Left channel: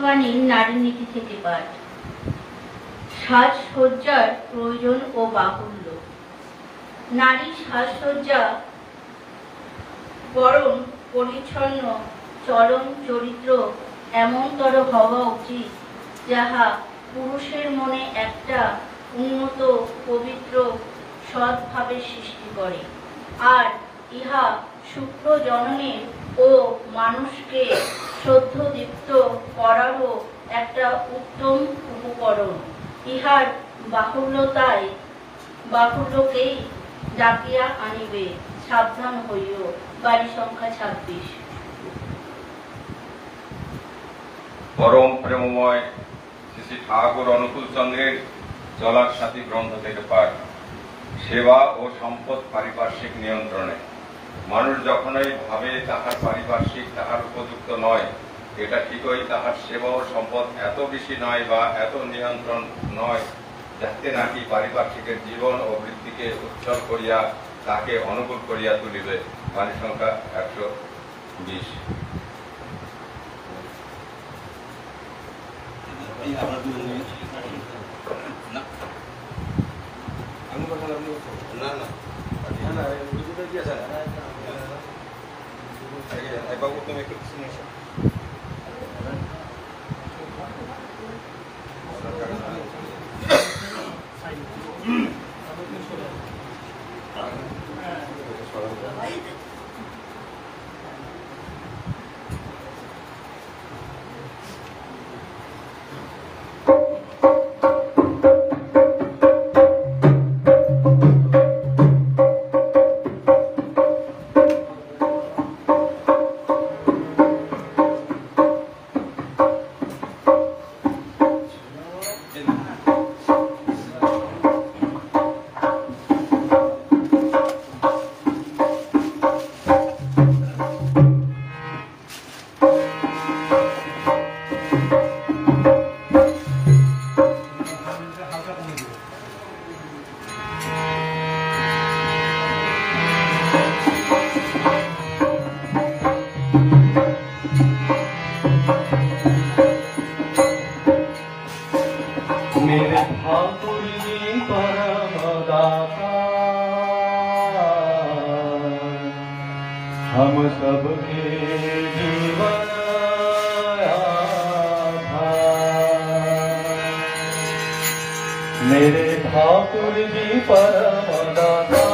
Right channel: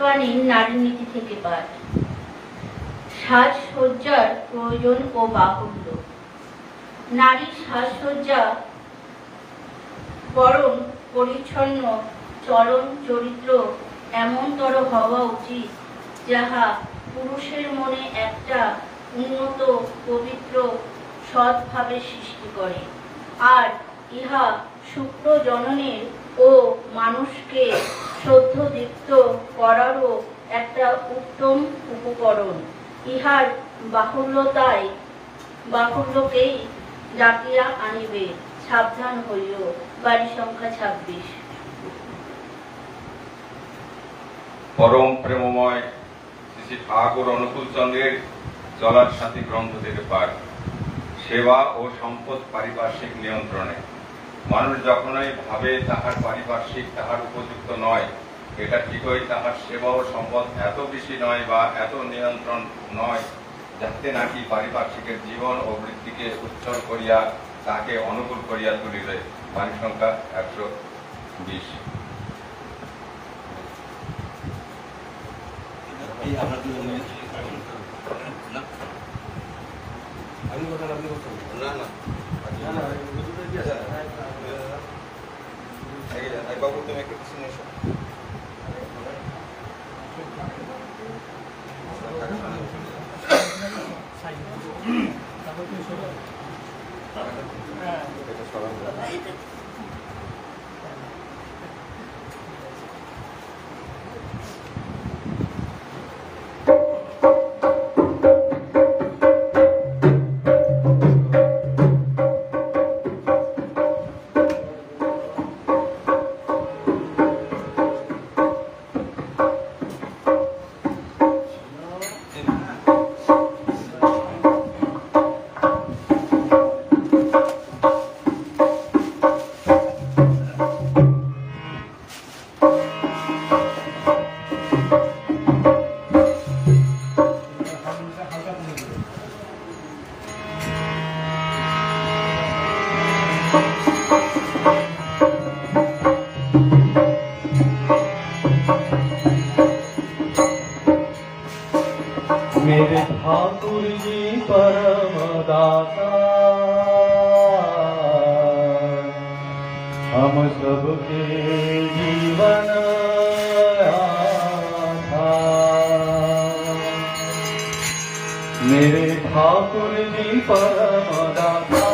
নারী নীতি থেকে পাঠ। সাজসজ্জার প্রয়োজন ও বাহুল্য। নারী সাজসজ্জা বরং পরিচ্ছন্ন চলন চরিত্র এমনতর হওয়া উচিত যাহা পুরুষের মনে একটা উন্নত পবিত্র সৎভাবের সৃষ্টি করে, আর ইহা শুক্র জননের ও মানুষকে শ্রদ্ধদীপ্ত করারও একটা উত্তম উপকরণ। ইহার বাহুল্যকেই ডাকিয়া আনিবে। সাবধান হইও। বাড়ি সংখ্যা 26। পরম প্রেমময় শ্রী শ্রী ঠাকুর অনুকূল চন্দ্রের চলার সাথী গ্রন্থ থেকে পাঠ। সেবা ও সম্পদ পারিপার্শ্বিক নিয়ন্ত্রণে। মানুষ যখনই ভাবে তাহার পারিপার্শ্বিক তাহার উপযুক্ত নয়, এটা ঠিকই তাহার সেবা ও সম্পদ এত বেশি নয় বা এত নিয়ন্ত্রণ নয় যাতে নাকি পারিপার্শ্বিকের জীবন ও বৃত্তিকে উচ্ছল করিয়া তাকে অনুকূল করিয়া তুলিবে। বাণী সংখ্যা 120। मेरे ठाकुर जी परम दाता, हम सबके जीवन आधार। मेरे ठाकुर जी परम दाता,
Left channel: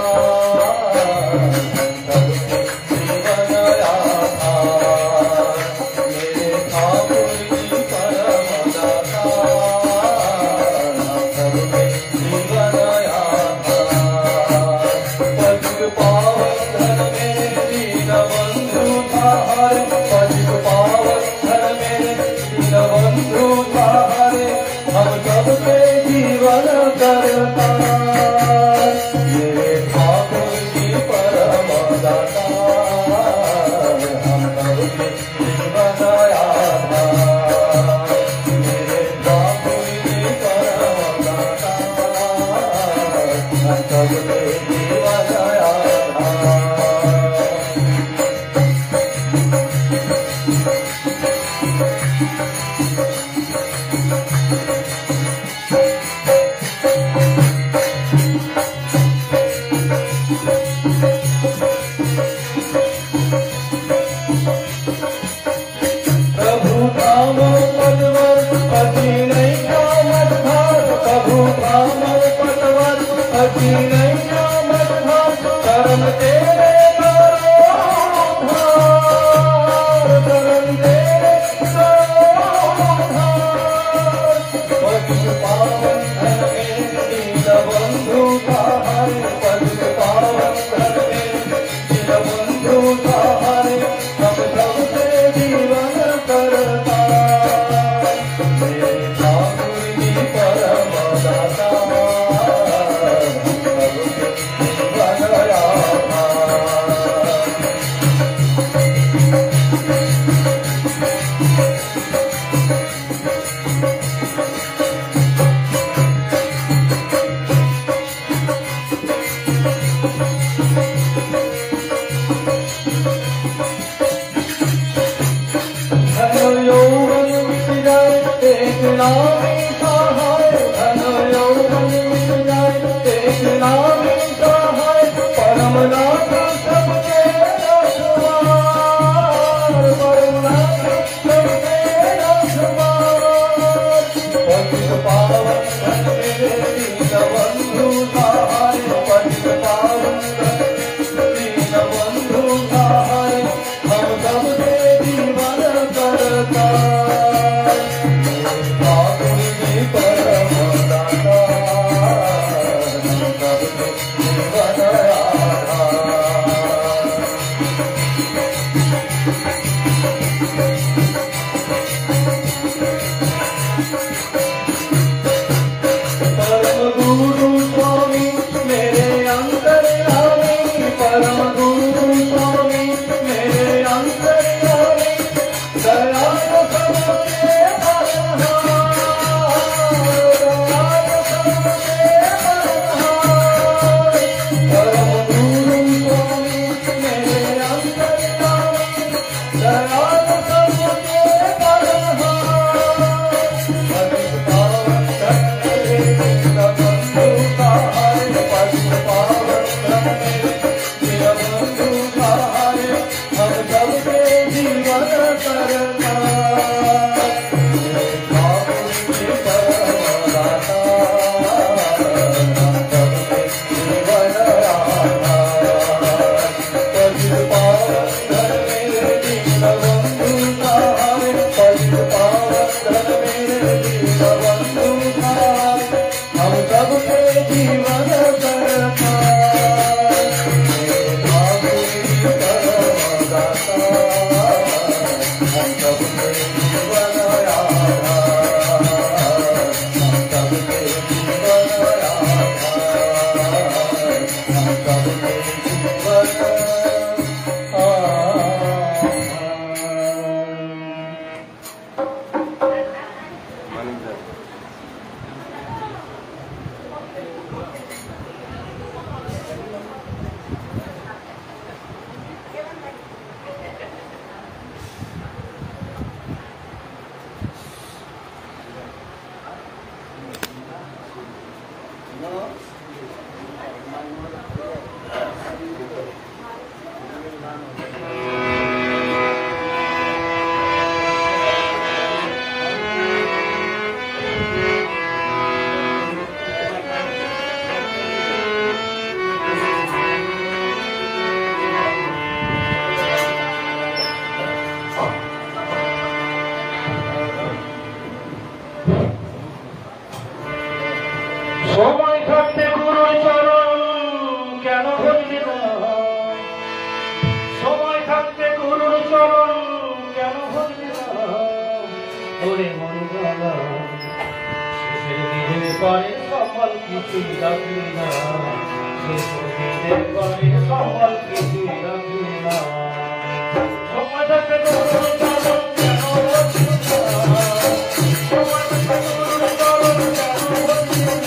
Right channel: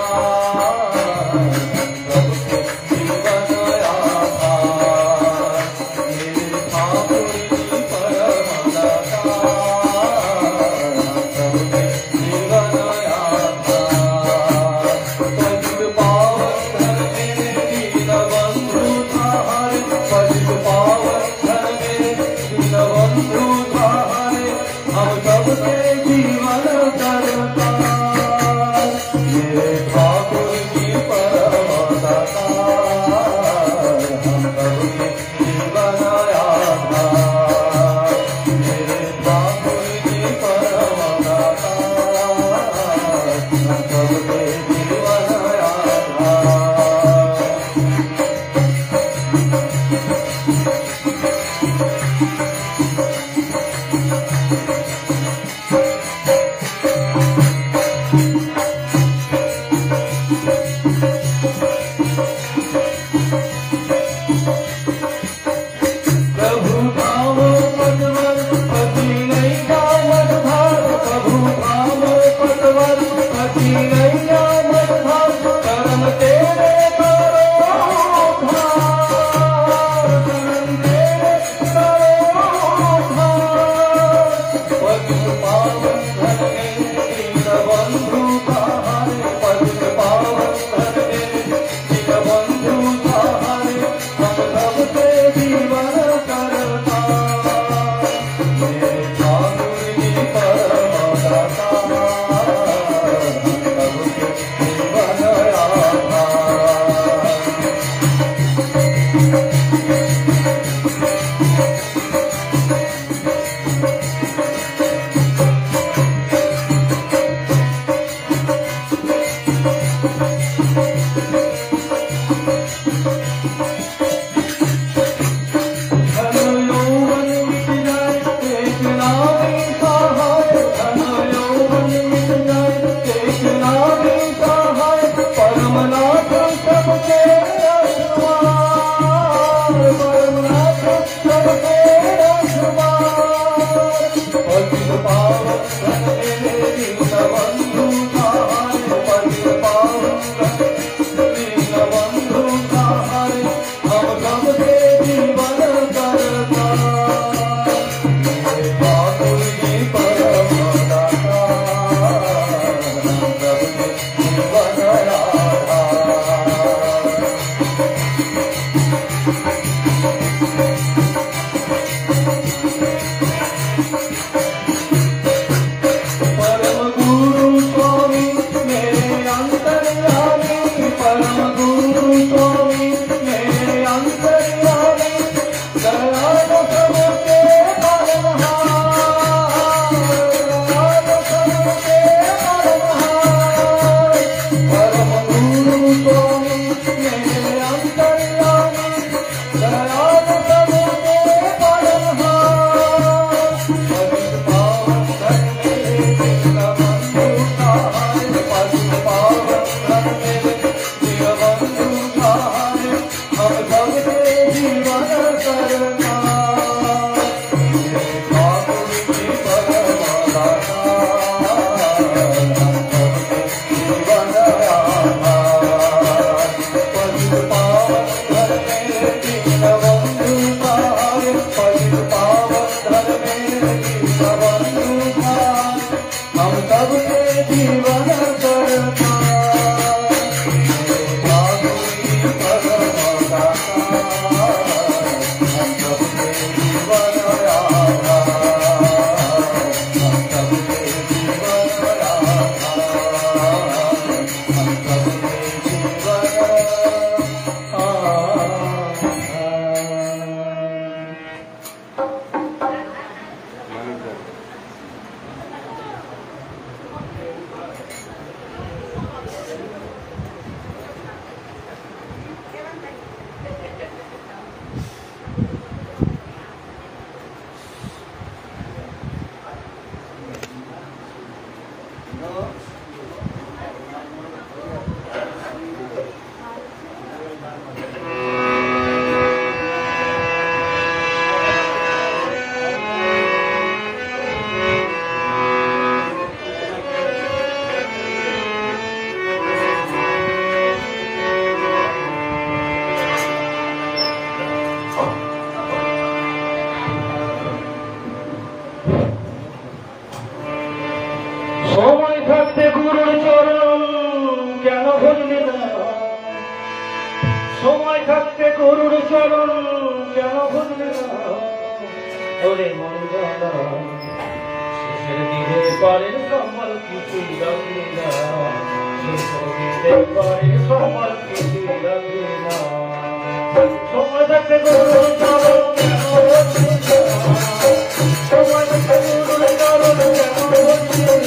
সময় থাকতে গুরুর চরণ কেন ভুললি না? সময় থাকতে গুরুর চরণ কেন ভুললি না? ওরে মন গলা শেষের দিনের পরে সমাল কিছুই রাখলি না, শেষের দিনের পরে সমাল কিছুই রাখলি না। সময় থাকতে গুরুর চরণ কেন ভুললি না? সময় থাকতে গুরুর চরণ কেন ভুললি না?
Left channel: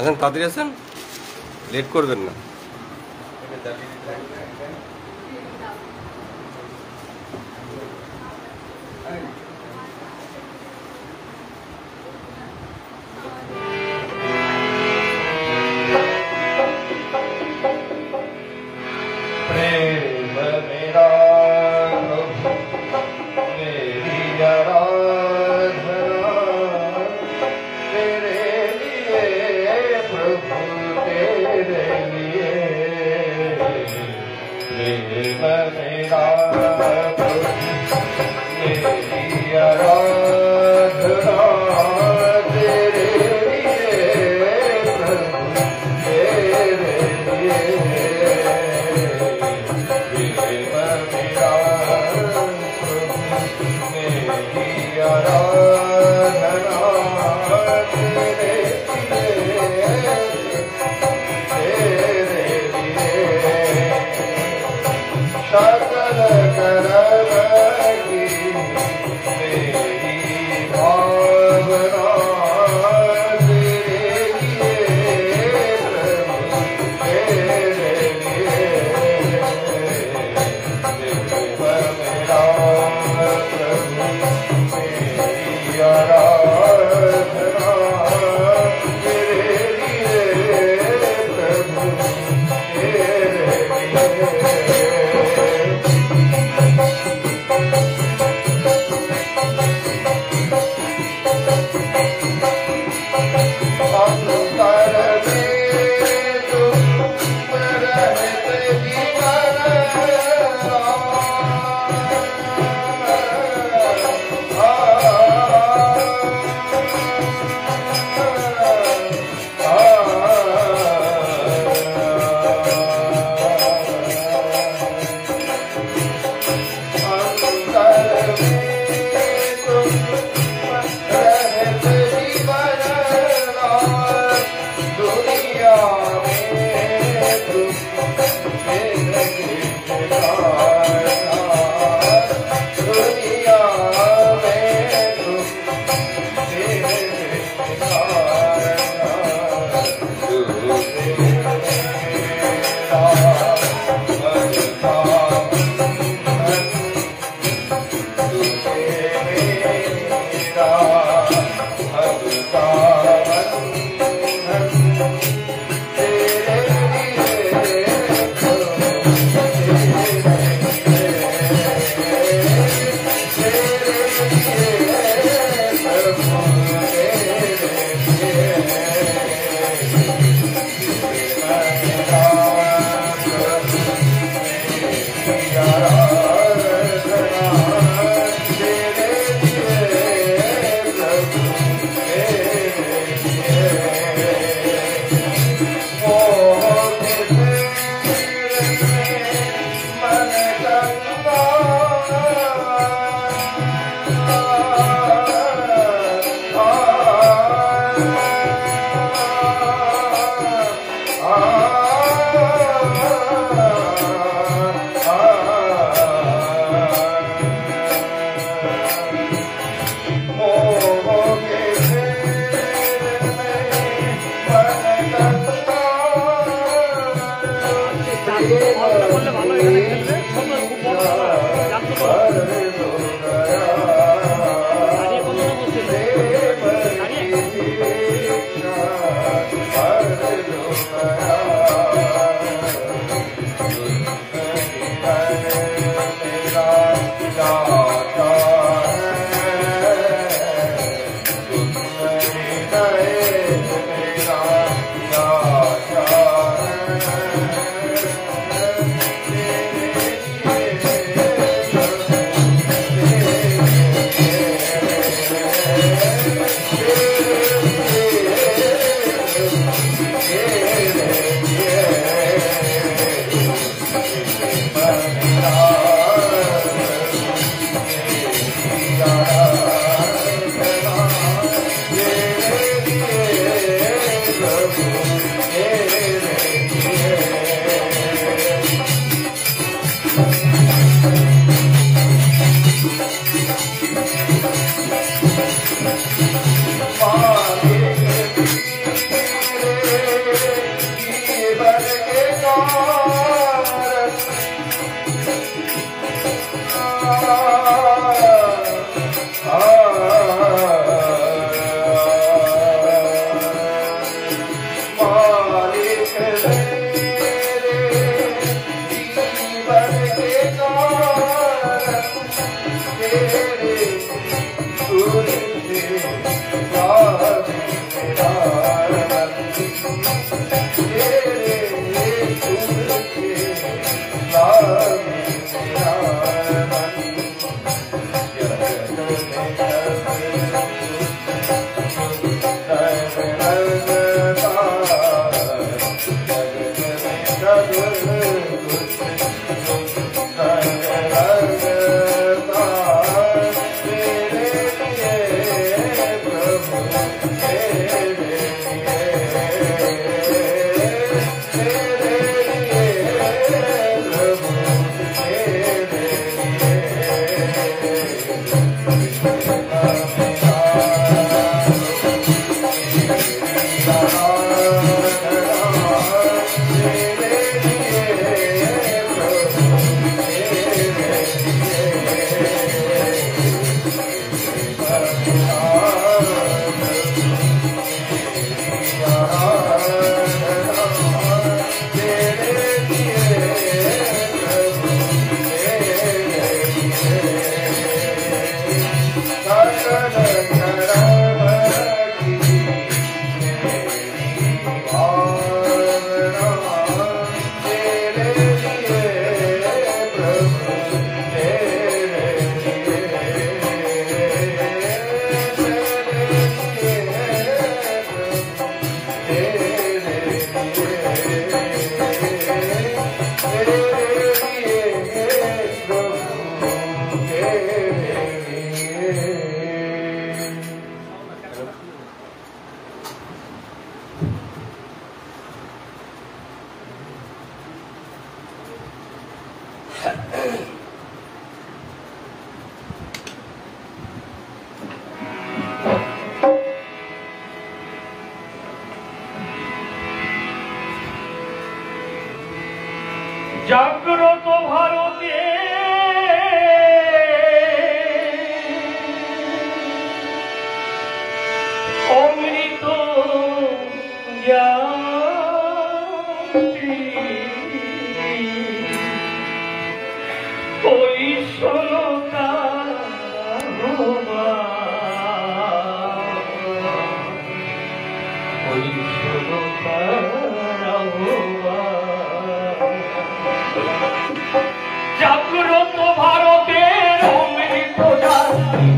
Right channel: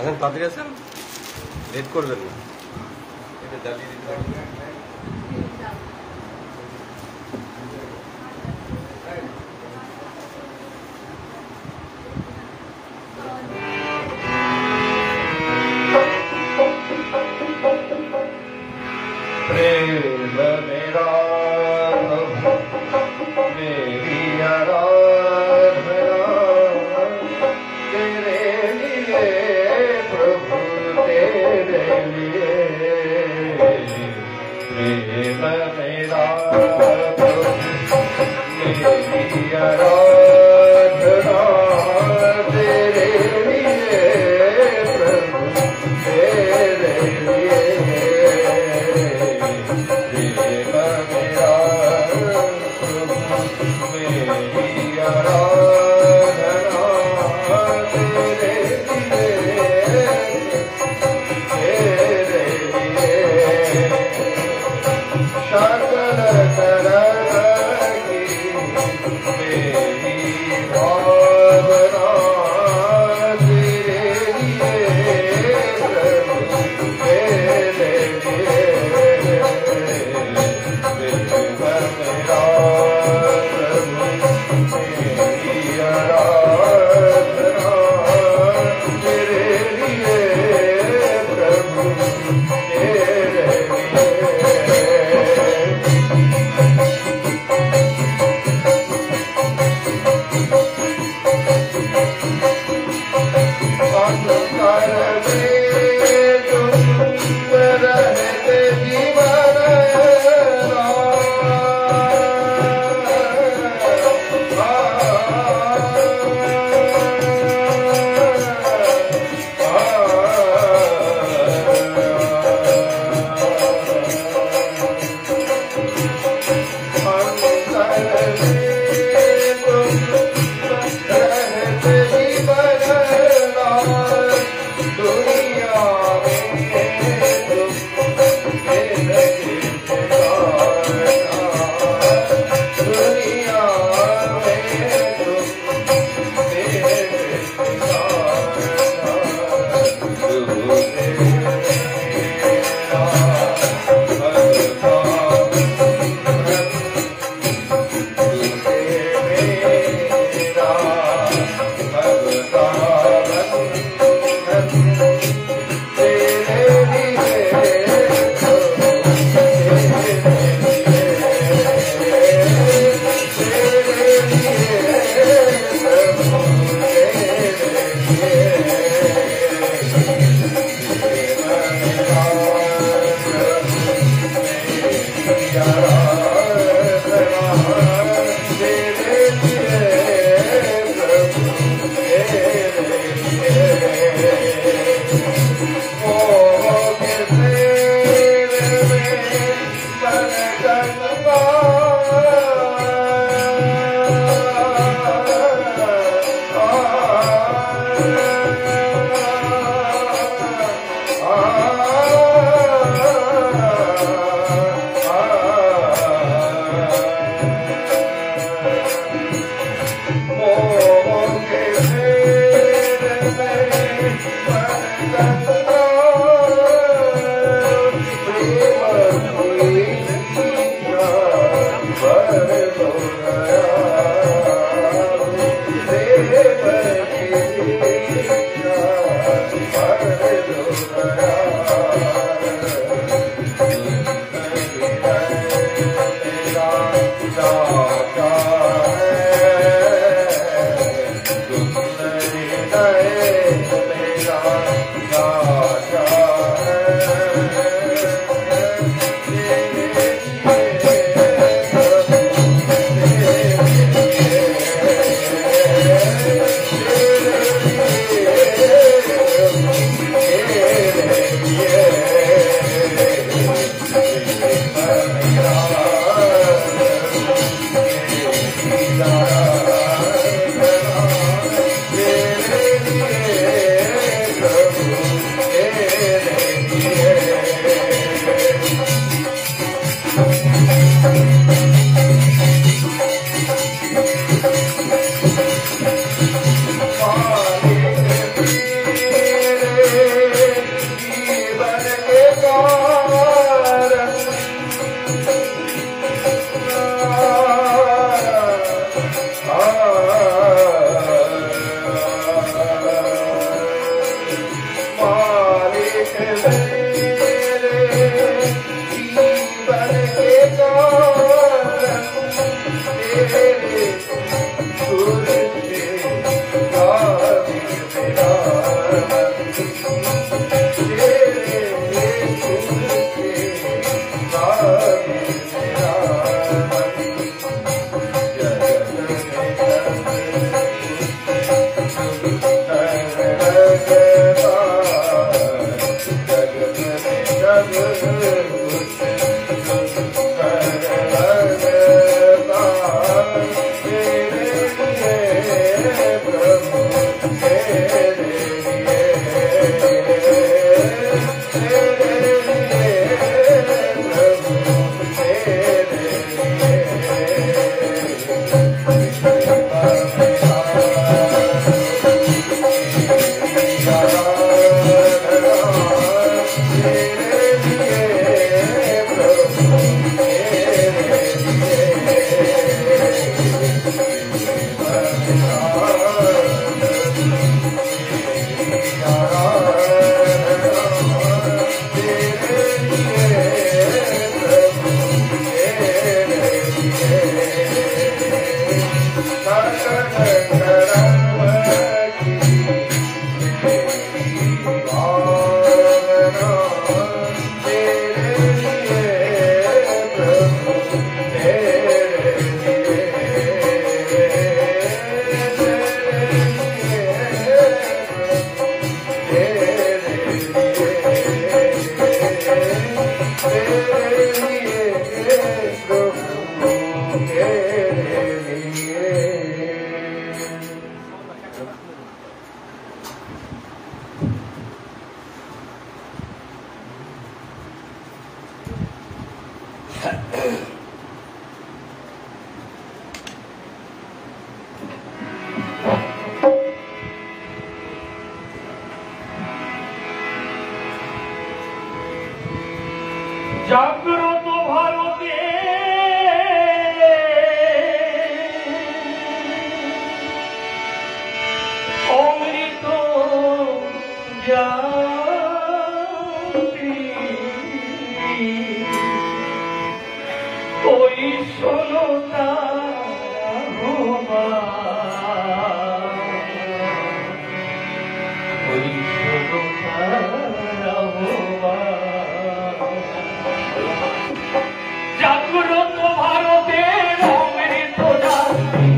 আছেন তাড়াতাড়ি আছেন, লেট করবেন না। मेरी জাগ্রত ভারতে অমৃত জ্ঞাতি ওই শোনতা ওই শোনতা জাগ্রত ভারতের অমৃত জাতি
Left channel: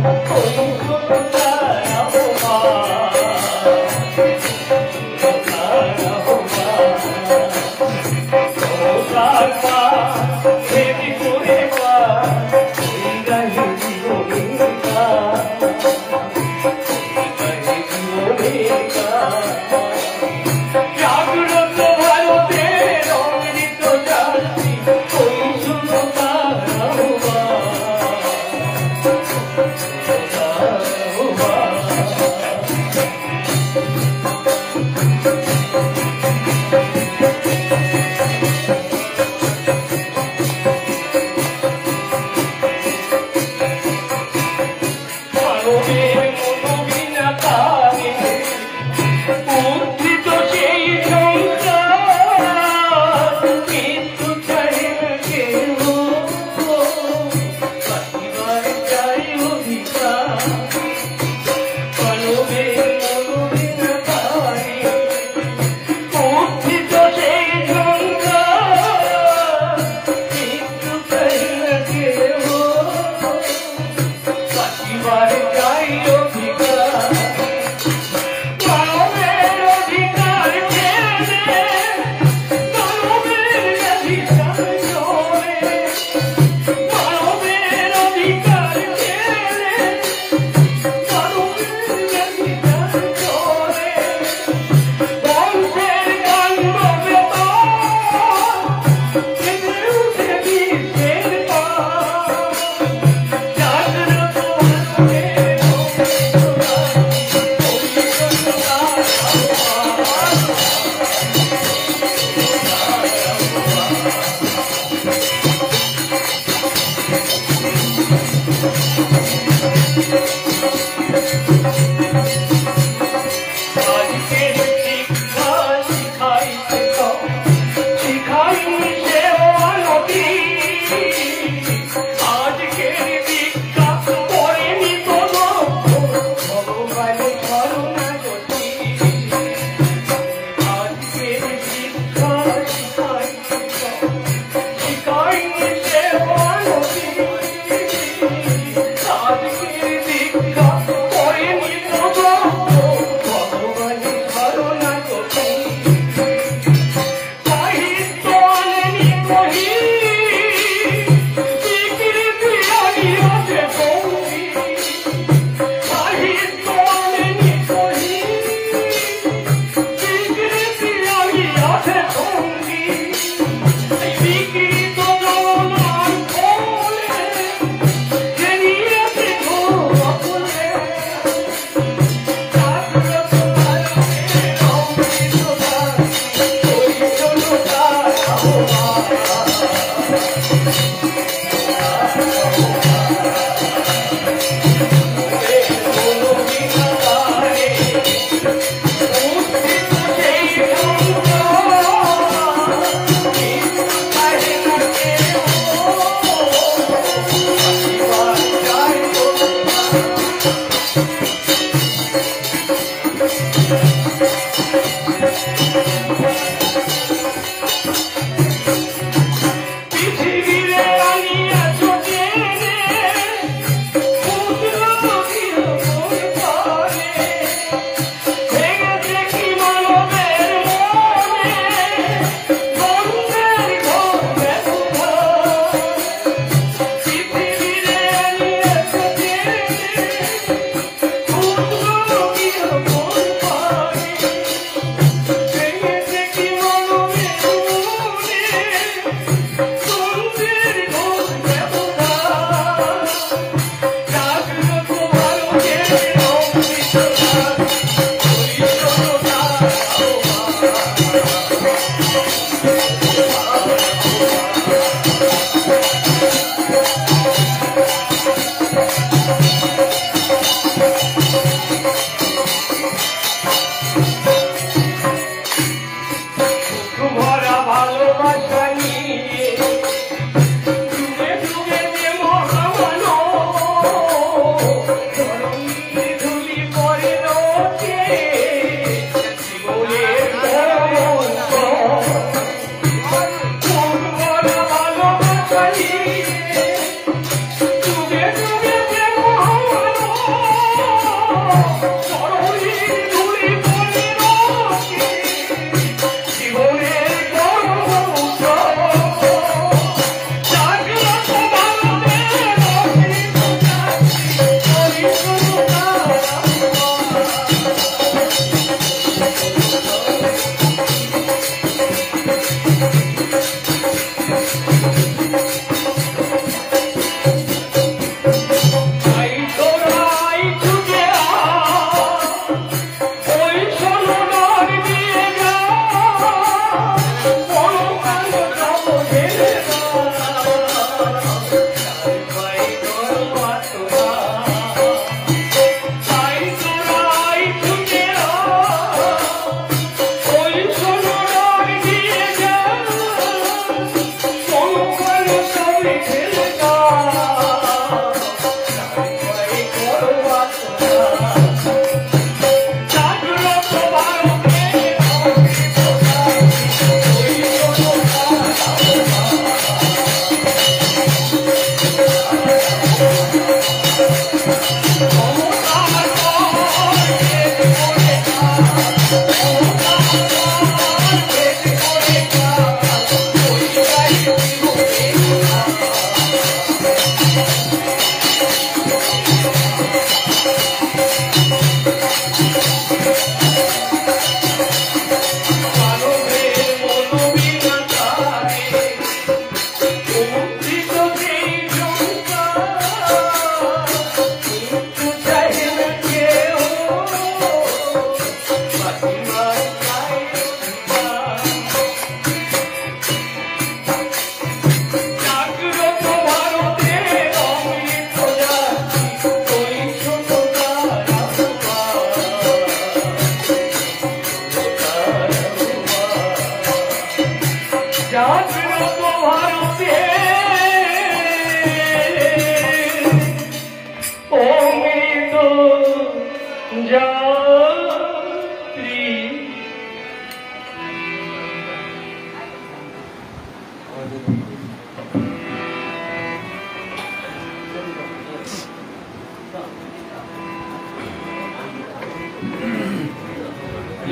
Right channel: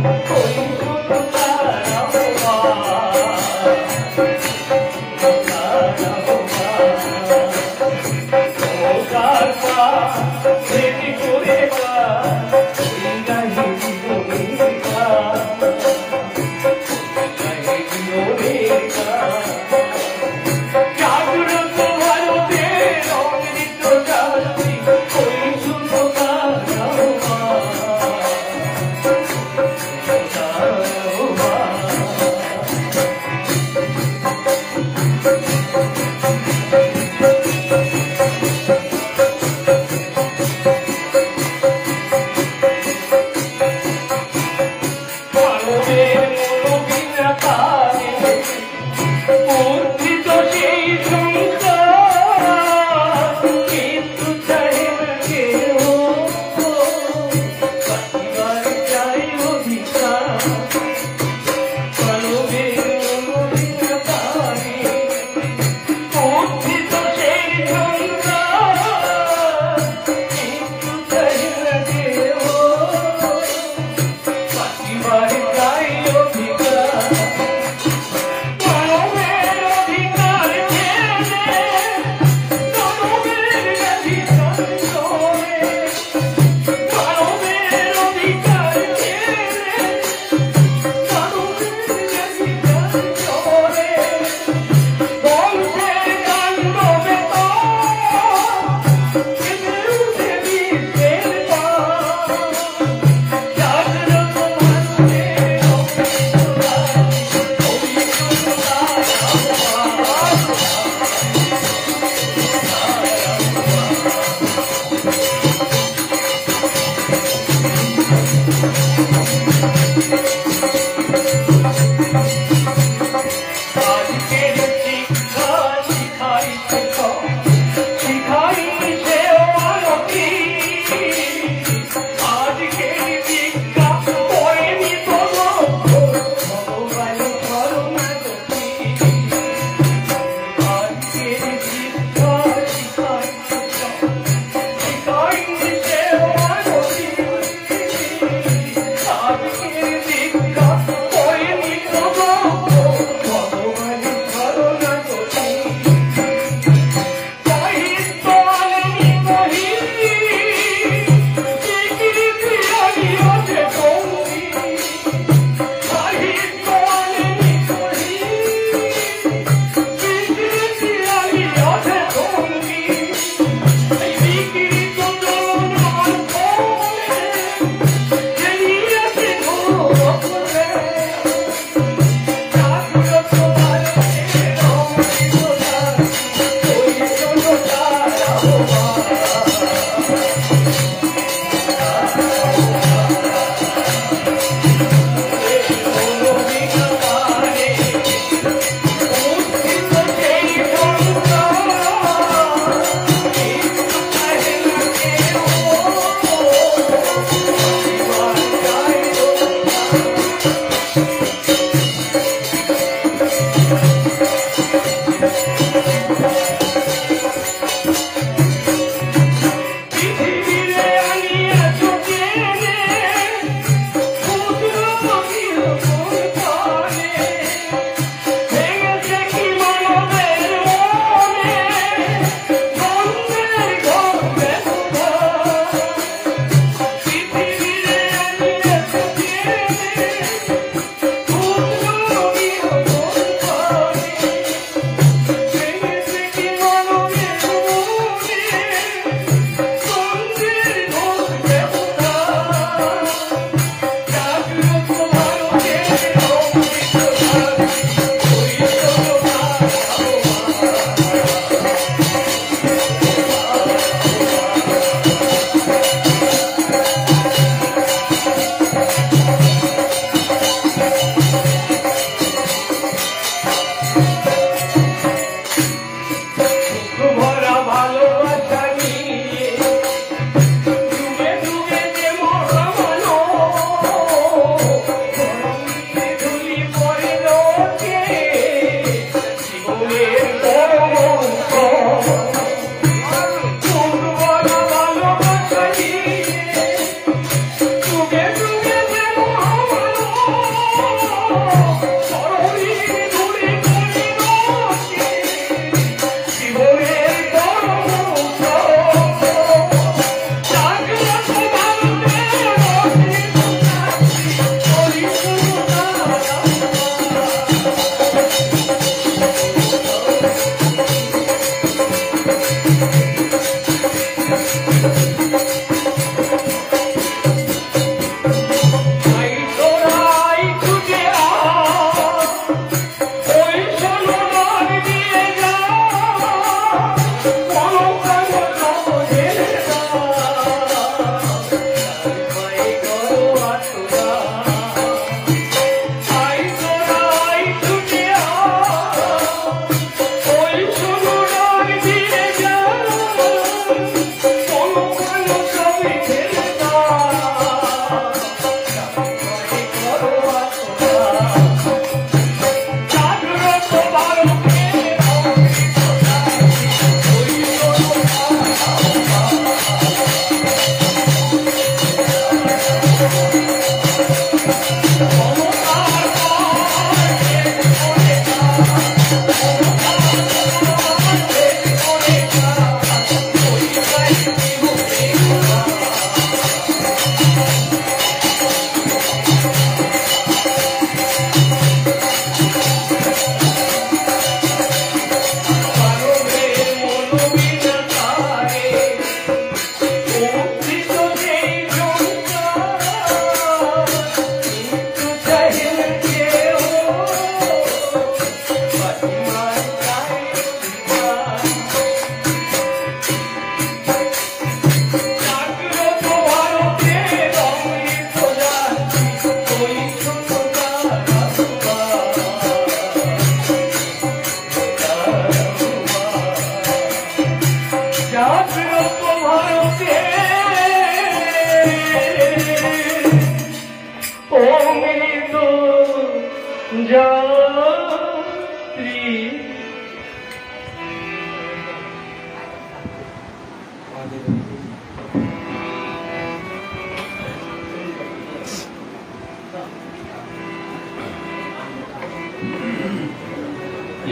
যাত্রী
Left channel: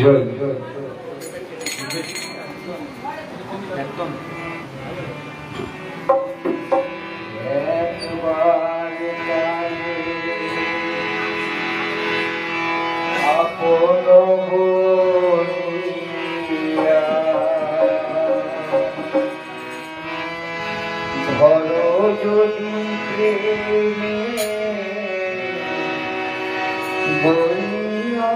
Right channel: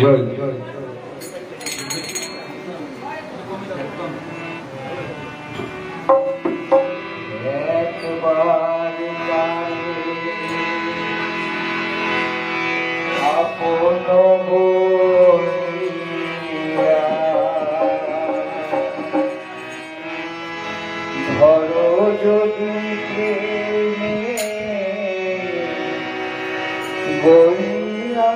জয় জয় যদি প্রেমে বইয়া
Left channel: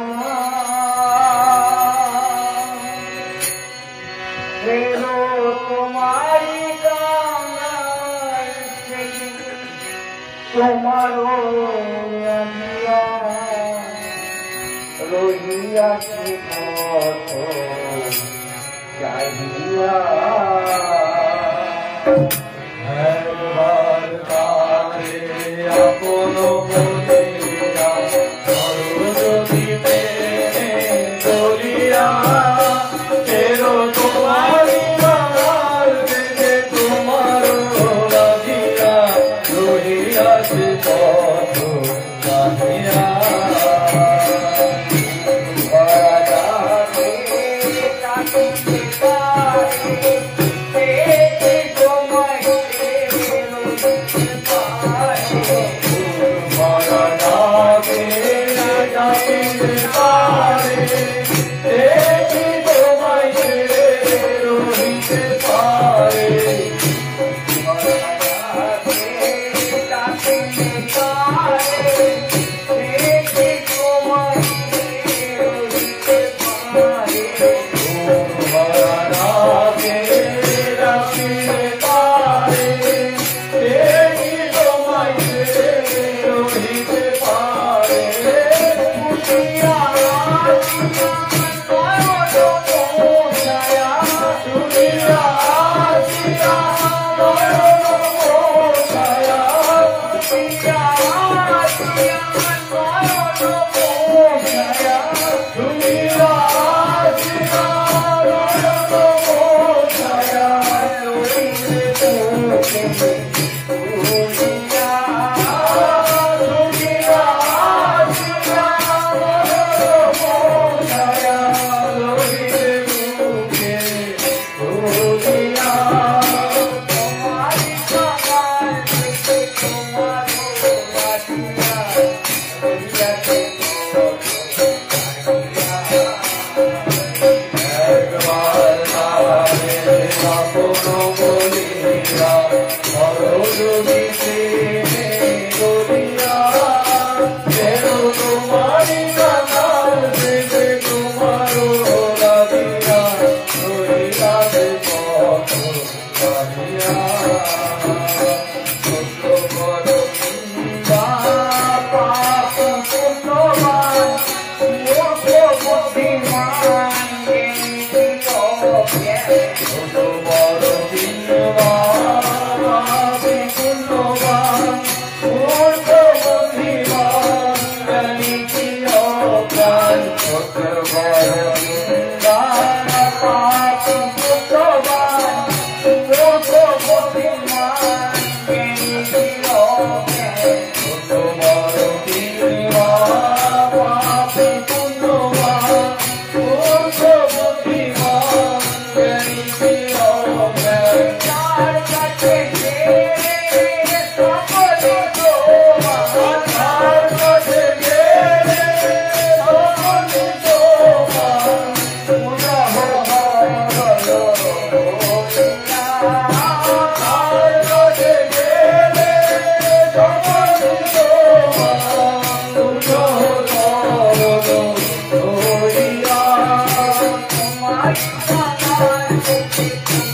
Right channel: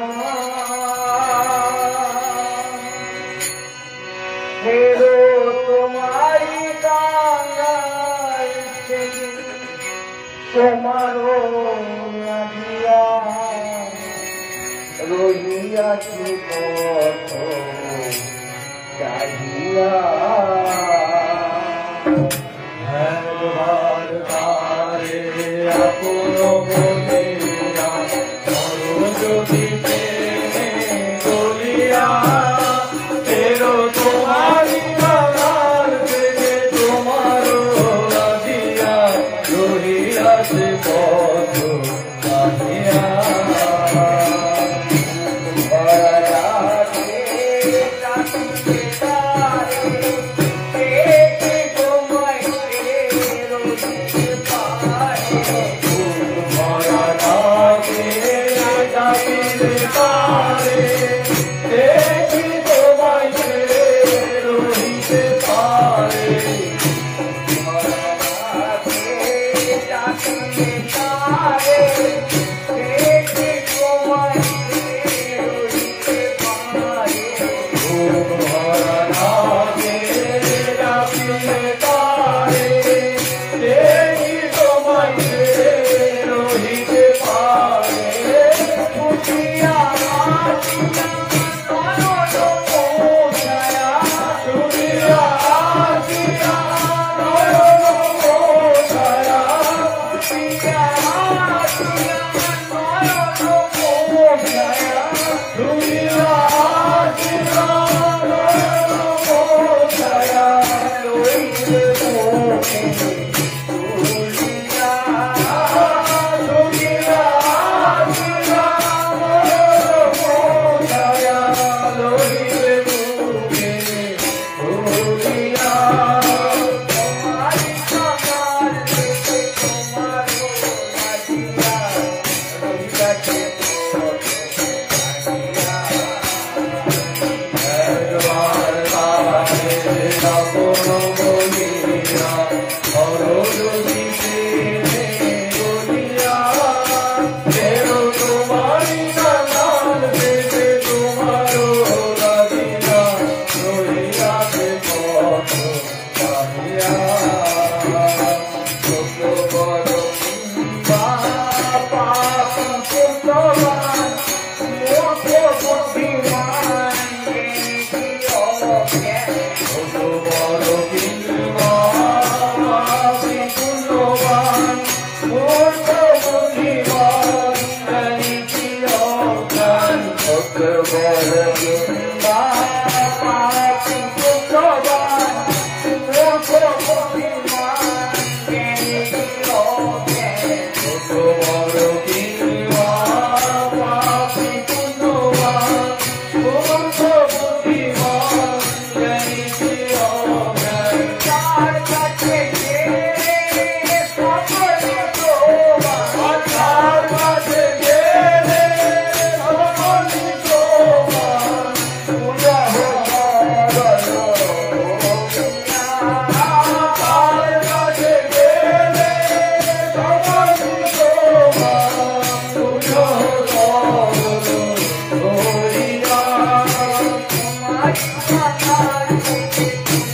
ফেরো তোমারি কাঙ্গাল থেকে তোমারও দিয়া রহিয়াছি পথ চাহিয়া Thank you.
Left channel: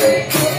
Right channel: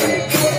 Thank you.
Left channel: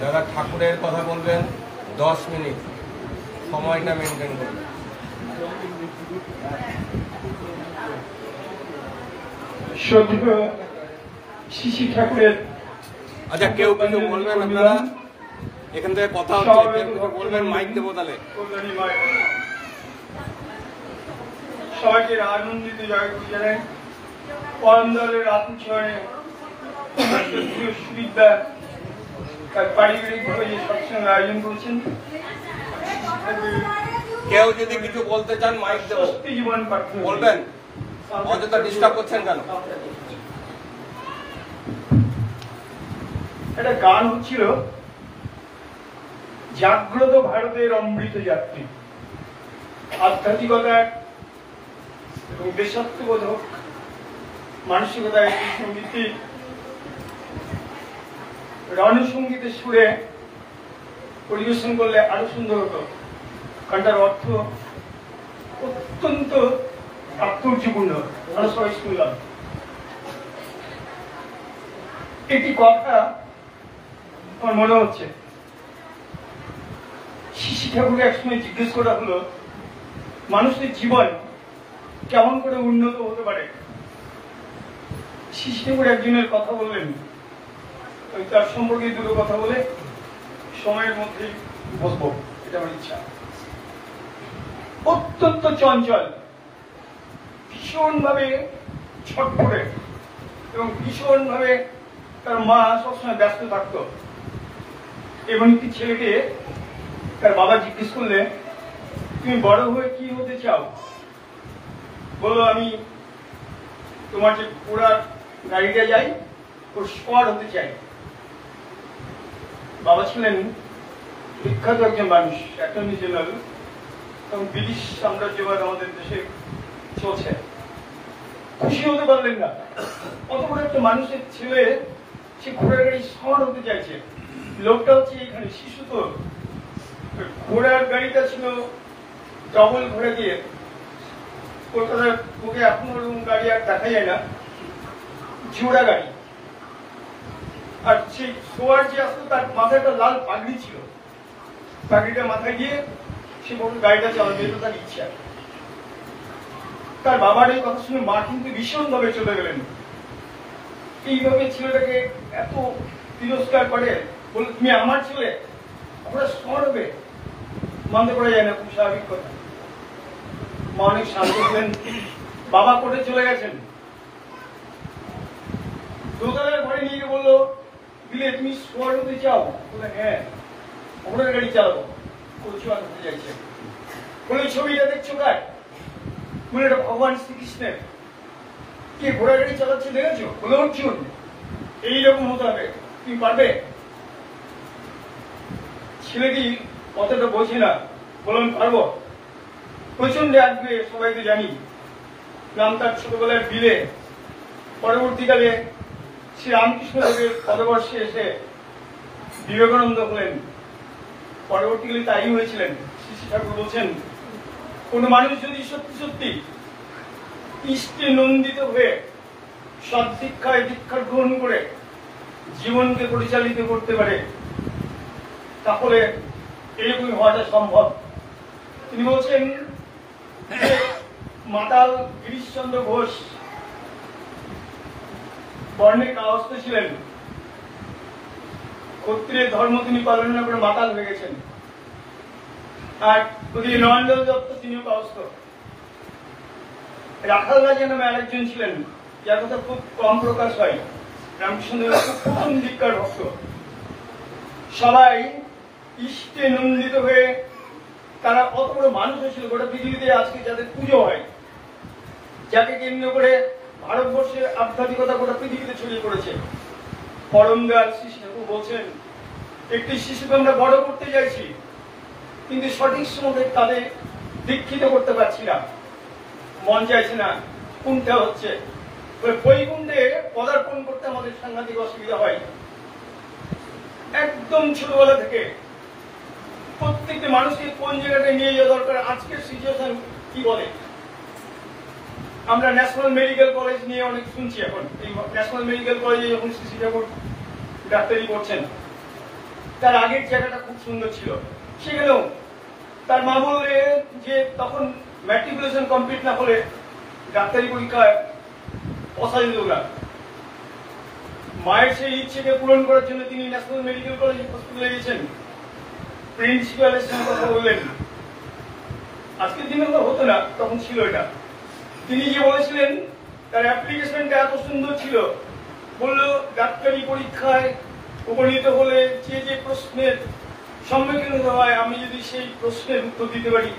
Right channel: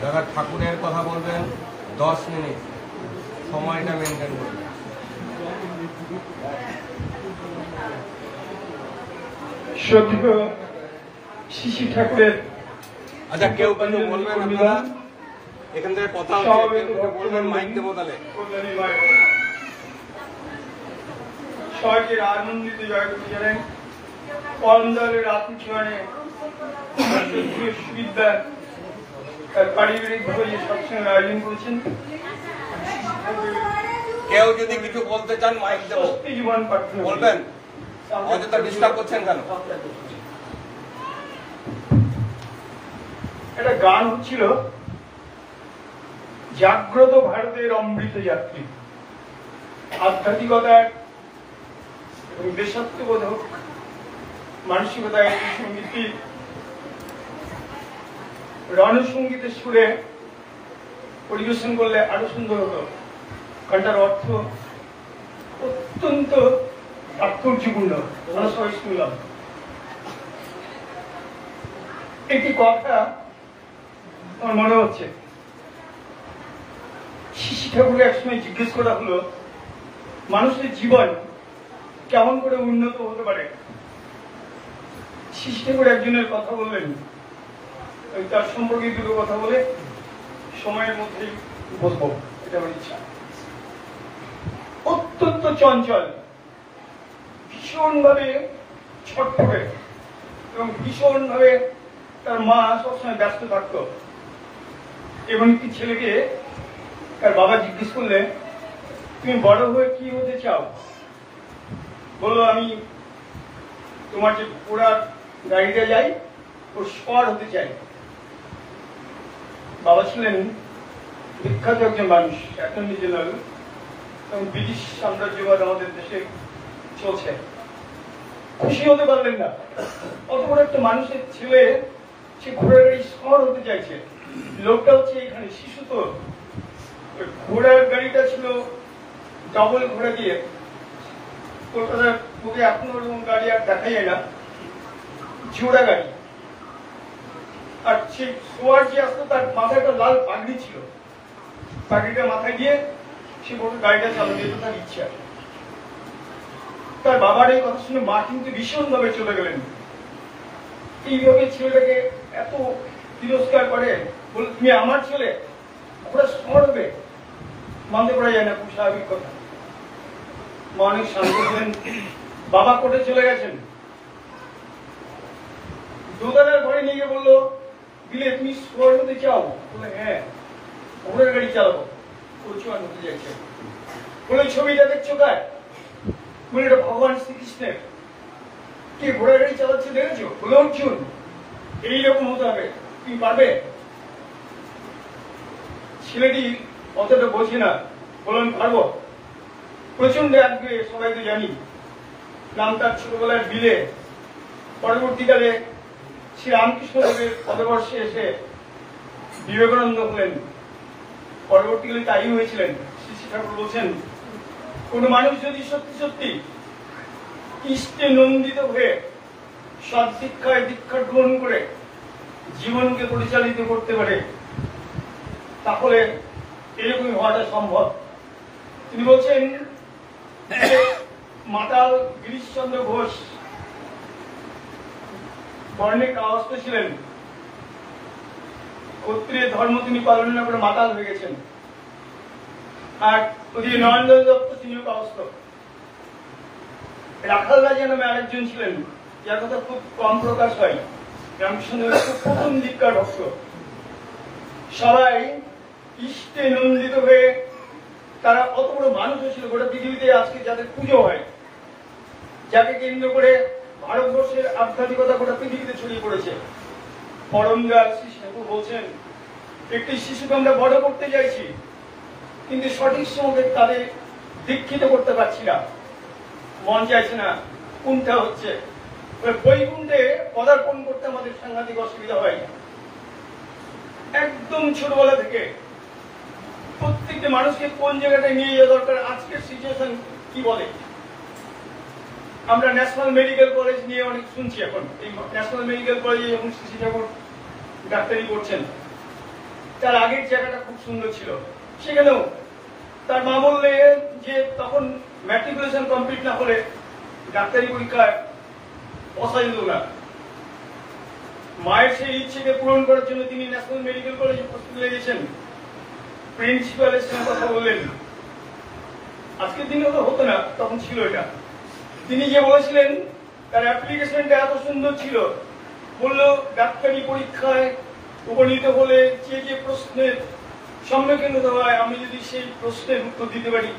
যারা ঠাকুরের কথা বলবেন 10 মিনিট সময়টা মেনটেন করবেন। শ্রদ্ধেয় শিশি ঠাকুরের আচ্ছা, কেউ কিছু বলবেন আপনারা? এখান থেকে কথা হচ্ছে, বলবেন, মাইক দেবো তাহলে। সহজের আনন্দিত জয়গুলি জানাই। পরম দলের আত্মচয়নে সুবিধা তার পারিবারিকভাবে যে সৎসঙ্গ আয়োজন করেছেন, কেউ যদি কিছু বলতে চান মাইক দেবো, স্বস্তি জীবন প্রার্থনা করি। বলবেন। অযথা ডিস্টার্ব করছেন কেন? একটা গান হচ্ছিল, জাগ্রত ভারতের অমৃত যাত্রী। আধ্যাত্মিকতার এবং দেশাত্মবোধক মানসিকতায় সঙ্গীতটি রণসঙ্গীতের সুরে পরিবেশন করলে আরো সুন্দর হতো। গানটার অর্থ অত্যন্ত তাৎপর্যপূর্ণ, আমরা সবাই শুনলাম। একটি কথা আমার মনে হচ্ছে, শিশি ঠাকুরকে একসময় জিজ্ঞেস করা হলো মানুষের জীবন কেমন করে উন্নত হতে পারে। শিশি ঠাকুর একজনের কথা বললেন, আমি তার সম্পর্কে দুটো কথা বলে সময়ের মধ্যে বলবো, এটা আমার ইচ্ছা। অত্যন্ত চঞ্চল, ভীষণ ভাবে ছটফটে এবং ভীষণ ভাবে তার মা সবসময় ব্যস্ত থাকতো। এমন একটি ছেলেকে তার বাবা জিজ্ঞেস করলে, তুমি বড় হয়ে কি হতে চাও? বললো, আমি তোমার যে পুরা গাড়িটা যাই ওর স্কোয়াড হতে চাই। বাবা ছিলেন বিখ্যাত একজন মানুষ, অ্যাটর্নি জেনারেল, এবং ব্রিটিশ সাম্রাজ্যবাদ আমাদের দেশে চলছে। খুশি হতে পারলেন না, অত বড় একটা মানুষের ছেলে সে ঘোড়ার গাড়ি স্কোয়াড হতে চাইছে। লোকটা হচ্ছে এখানে শিশু, তো ঘোড়ার গাড়িটা ছিল ডবল ঘোড়া দিয়ে, কলকাতার বুকে আপনার গাড়ি আর দেখা যায় না, জোড়া গাড়ি। আর সেই সোয়ার যে আসতো তার মাথায় একটা লাল পাগড়ি ছিল, পাগড়িটা মাথায় দিয়ে সে বড় গাড়িটা চালাতে, এটা তার ইচ্ছা। তার বাবার এই কথা শুনে মা কিন্তু ভীষণ ভাবে চলে গেলেন। এইভাবে ছেলেটাকে এত তিরস্কার করে, বল তুমি আমার ছেলে, ওরা সরবে, মানতে করা যায় না, খুব স্বাভাবিক কথা। মা অনেক শান্ত ছিলেন, বাবা কোর্টে চলে গেছেন। দোতলার ঘরে নিয়ে গিয়ে বললো, বিলে তুমি শহর হতে চাও? বলে হ্যাঁ, ঘোড়ার গাড়ি চালাবো, পরিচয় হতে চাইছে। বলে ছবিটা দেখছো কার? বলে এটা ভগবান শ্রীকৃষ্ণের। কি ঘোড়ার গাড়ি চালাচ্ছে দেখেছো? বলে অর্জুন। এইরকম হতে হবে, তুমি পারবে? ছেলেটি অতটা বোঝে না, বললাম পারবো। প্রচন্ড আসবে, সবাই তো জানি, নাম তার ছোটবেলার বিলে। পরবর্তীকালে শ্রী রামকৃষ্ণদেবের পদবর্ষে এসে বিবেকানন্দ হলেন। পরবর্তীকালে তাই হয়েছিলেন। শ্রী ঠাকুর বলছেন, কোন মানুষ যদি সত্যি সত্যি ইষ্টে নন্দিত হয়ে সৎশিক্ষায় দীক্ষা গ্রহণ করে জীবনকে পরিচালিত করতে পারে, তাহলে এরকমই হওয়াটা সম্ভব। তিনি বলছেন, মাতাল গিরিশচন্দ্র ঘোষ বর্ণে কাহস্ত ছিলেন, ক্ষত্রিয় ধর্ম তিনি পালন না করে মাতাল হয়ে গেছেন। আর ওদিকে নরেন্দ্র দত্ত, তিনিও কাহস্ত। রাখাল রাজা নামে আরেকজন ছিলেন, যার কথা খুব কম প্রকাশ হয়, রামকৃষ্ণদেবের খুব প্রথম দিককার ভক্ত। সবাই ইষ্টে নন্দিত হয়ে তারা অত বড় মানুষ হয়েছিল। গোটা পৃথিবীতে আজকে যাদের পুজো হয়, যাকে কেন্দ্র করে ভারতবর্ষের আধ্যাত্মিকতা গোটা পৃথিবীতে ছড়িয়ে পড়েছে। পরমদয়াল শ্রী ঠাকুর বলছেন, একটি শিশুকে আমরা বড় করতে চাইছি, কিন্তু সঠিক সময় তাদের দীক্ষিত করতে পারছি না, মন চাইছে না, কুণ্ঠা হচ্ছে। বৈকুণ্ঠে পদার্পণ করতে আমাদের সাংঘাতিক অসুবিধা হয়। একদম ছোটবেলা থেকে প্রত্যেকটা মানুষকে কোন জায়গাটায় নিয়ে যাওয়া দরকার, আজকের সিচুয়েশন কি বলে। আমরা ন্যাশনাল মেডিকেল কলেজ নিয়ে অনেক শুনছি এখন। এই ন্যাশনাল মেডিকেল কলেজে যখন শ্রী ঠাকুর ডাক্তারি করছেন, তার আগের জায়গাটা খুব সুন্দর ছিল। সেখানেও তার মা বললে যে তখন ম্যাট্রিকুলেশন কমপ্লিট না হলে ডাক্তারি পরীক্ষায় বসা যেত না। মায়ের সেই ইচ্ছেকে পূরণ করার জন্য তিনি ন্যাশনাল মেডিকেল কলেজে প্রস্তুতি দিয়েছেন। প্রিন্সিপালের সঙ্গে কথা বললেন। আজকের দিনে তো হতো না, তখন ছিল এটা। তিনি যে বলেছিলেন তার অ্যাপ্লিকেশনটা এত সুন্দর ছিল, বললো ডাক্তারি পরীক্ষায় উপনীত হলে যে যে প্রশ্নের সম্মুখীন হতে হয়, আমি যদি সেই প্রশ্নের উত্তর দিতে পারি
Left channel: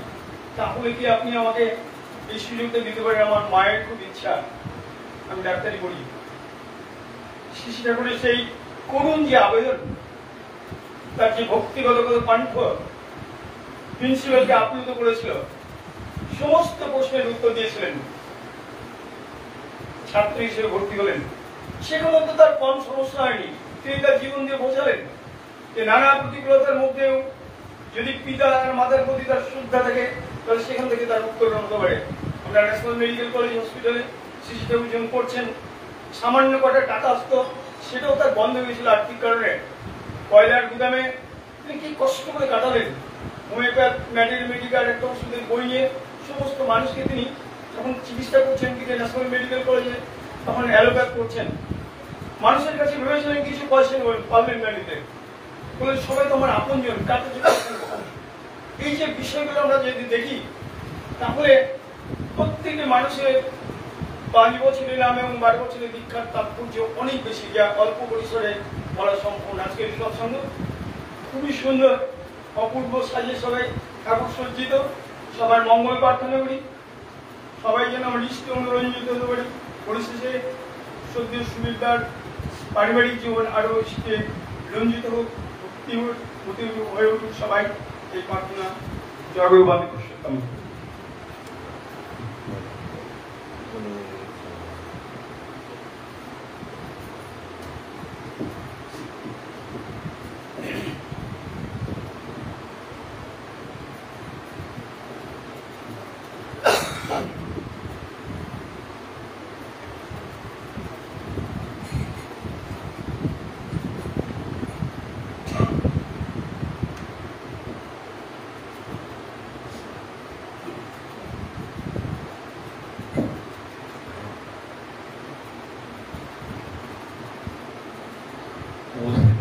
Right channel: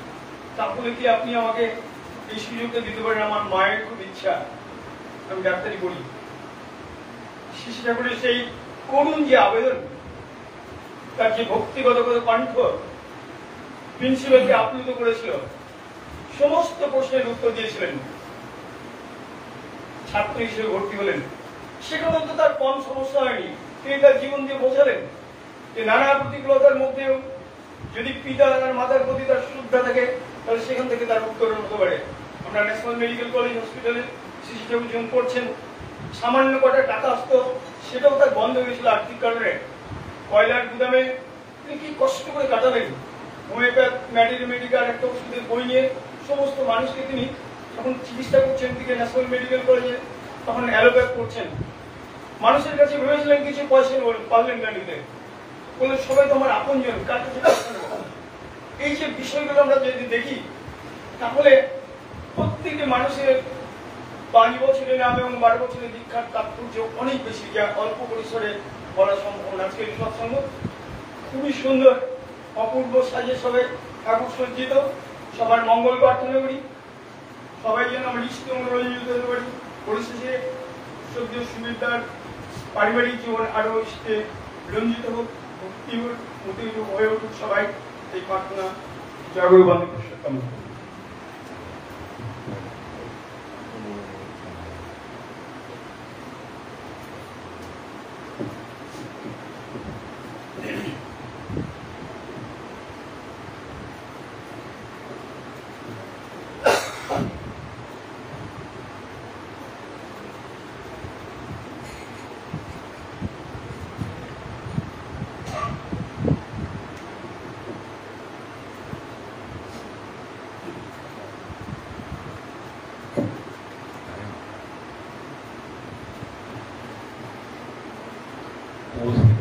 তাহলে কি আপনি আমাকে এই সুযোগটা দিতে পারেন? আমার মায়ের খুব ইচ্ছা আমি ডাক্তারি পড়ি। শিশু ঠাকুরের সেই করুণ যে আবেদন, তার যে ভক্তিগত কণ্ঠ প্রিন্সিপালকে আপ্লুত করেছিল, সমস্ত প্রশ্নের উত্তর দিয়েছিলেন। ছাত্র হিসেবে ভর্তি হলেন, সেখানে তো তার কম সমস্যা হয়নি। তিনি তার জীবন দিয়ে বোঝালেন যে নানা প্রতিকূলতার মধ্যেও যদি পিতা আর মাতার প্রতি তার শ্রদ্ধা থাকে তাহলে সেখান থেকে তার উত্তরণ হতে পারে। আমরা ন্যাশনাল মেডিকেল কলেজ হসপিটালে শিশু ঠাকুর যখন করছেন, সামান্য কটা টাকা আসতো, সেটাও তার বন্ধ হয়েছিল আর্থিক কারণে। কয়লার গুদামে তিনি কি কষ্ট করে কাটালেন। হোমিওপ্যাথ মেডিকাল একটা ওষুধের বই নিয়ে সমস্ত মানুষকে তিনি যখন চিকিৎসা করছেন দিকে ন্যাশনাল মেডিকেল কলেজে, তখন অ্যালোপ্যাথ করছেন। মানুষের কাছে ভেবেছিলেন কিছু পয়সা পারলেন না নিতে, বলে সবাই তো আমার আপন জন, কাছে। এই যে বিষয়গুলো আমরা যদি দেখি তাহলে প্রত্যেকটি মানুষের 5 বছরের নাম এবং 12 বছরের দীক্ষার তাৎপর্য অনেক বেশি, যা অল্প পরিসরে বলা সম্ভব। আজকের সৎসঙ্গ খুবই সুন্দর, অপূর্ব সাজে সবাই ঠাকুর সজ্জিত। সবার মঙ্গল প্রার্থনা করি, সবাই যেন আমরা ইষ্ট মনোরঞ্জিত হতে পারি। পরিশেষে সত্যি সুবিধার পারিবারিক জীবন আরো ইষ্টে রঞ্জিত হোক, ভক্তি হয়ে উঠুক সবাই, এই প্রার্থনা জয়গুরু বন্দে পুরুষোত্তম।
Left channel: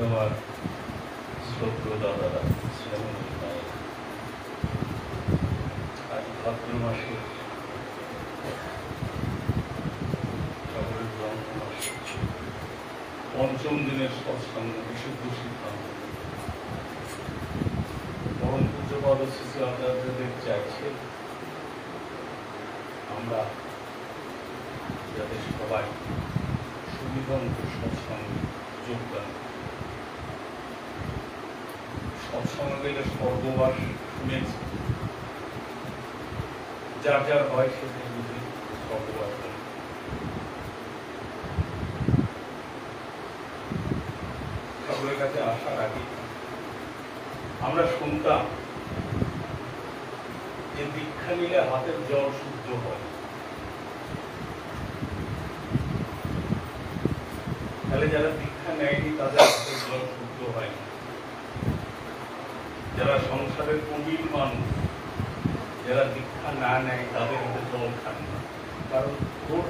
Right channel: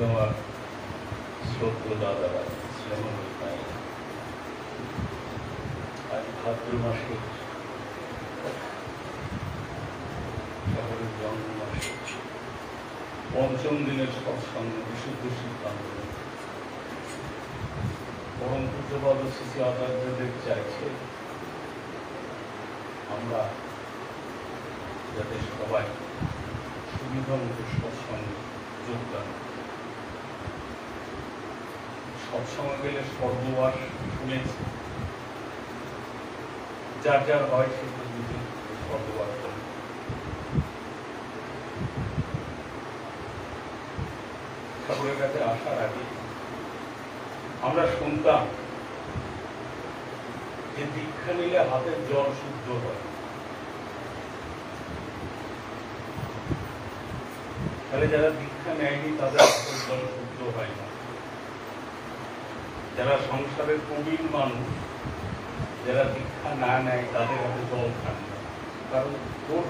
আমার শ্রদ্ধা দাদারা, আজ ভাদ্র মাসের শহরের জন্ম মাসে 5ম দিনের সৎসঙ্গ বিশুদ্ধ সিদ্ধান্ত। পরম পূজ্যপাদ শ্রী আচার্যদেব চাইছে আমরা যাতে সবাই সুবিধা মতো সৎসঙ্গে যোগদান। সৎসঙ্গে গেলে স্বর্গবাস শুনেছি, যার যার হয় সে স্বর্গবাস করে। ঠাকুরের কাছে আসার আগে আমরা শুনতাম যে দীক্ষা নিলে হাতের জল শুদ্ধ হয়। তাহলে যারা দীক্ষা নেয়নি তাদের হাতের জল শুদ্ধ হয় না। যারা সংসারের প্রবীণ মানুষ, যারা দীক্ষা না নেয় তাদের হাতে জল খান না, কারণ ওর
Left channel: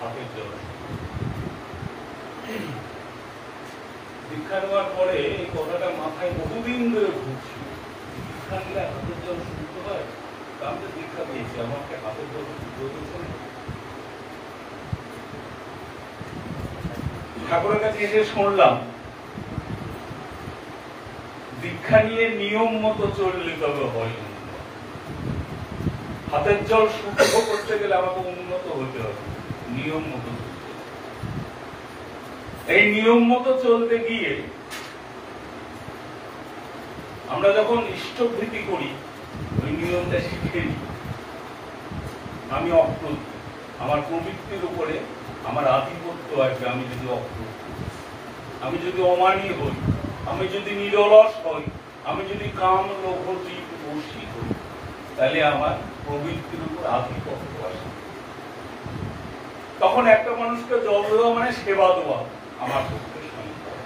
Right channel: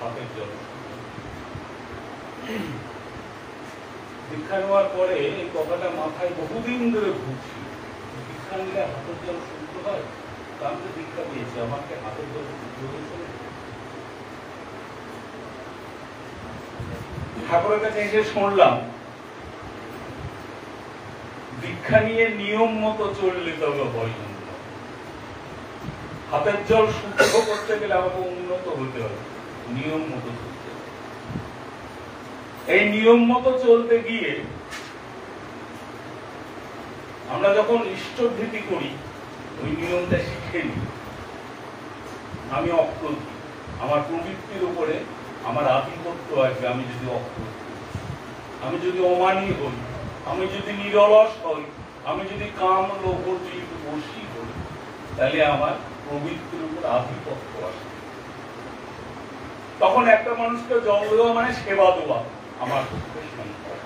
হাতের জল। দীক্ষা নেওয়ার পরে এই কথাটা মাথায় বহুদিন ধরে ঘুরছি, দীক্ষা নিলে হাতের জল শুদ্ধ হয়। আমি তো দীক্ষা দিয়েছি, আমাকে হাতের জল শুদ্ধ হয়েছে। ঠাকুরের কাছে এসে শুনলাম দীক্ষা নিয়ে নিয়ম মতো চললে তবে হয়। হাতের জল শুদ্ধ করতে গেলে আমাকে উন্নত হতে হবে, নিয়ম মতো চলতে। এই নিয়ম মতো চলতে গিয়ে আমরা যখন ইষ্টভীতি করি, ওই নিয়মটা শিখে নিই। আমি অপ্রতি, আমার প্রবৃত্তির উপরে আমার আধিপত্য আছে। আমি যদি অপ্রতি, আমি যদি অমানী হই, আমি যদি নিরলস হই, আমি যদি কাম লোভ জীব বশী হই, তাহলে আমার প্রবৃত্তির উপর আধিপত্য আসে। তখন একটা মানুষকে জল দেওয়া মানে সেবা দেওয়া আমার পক্ষে সম্ভব।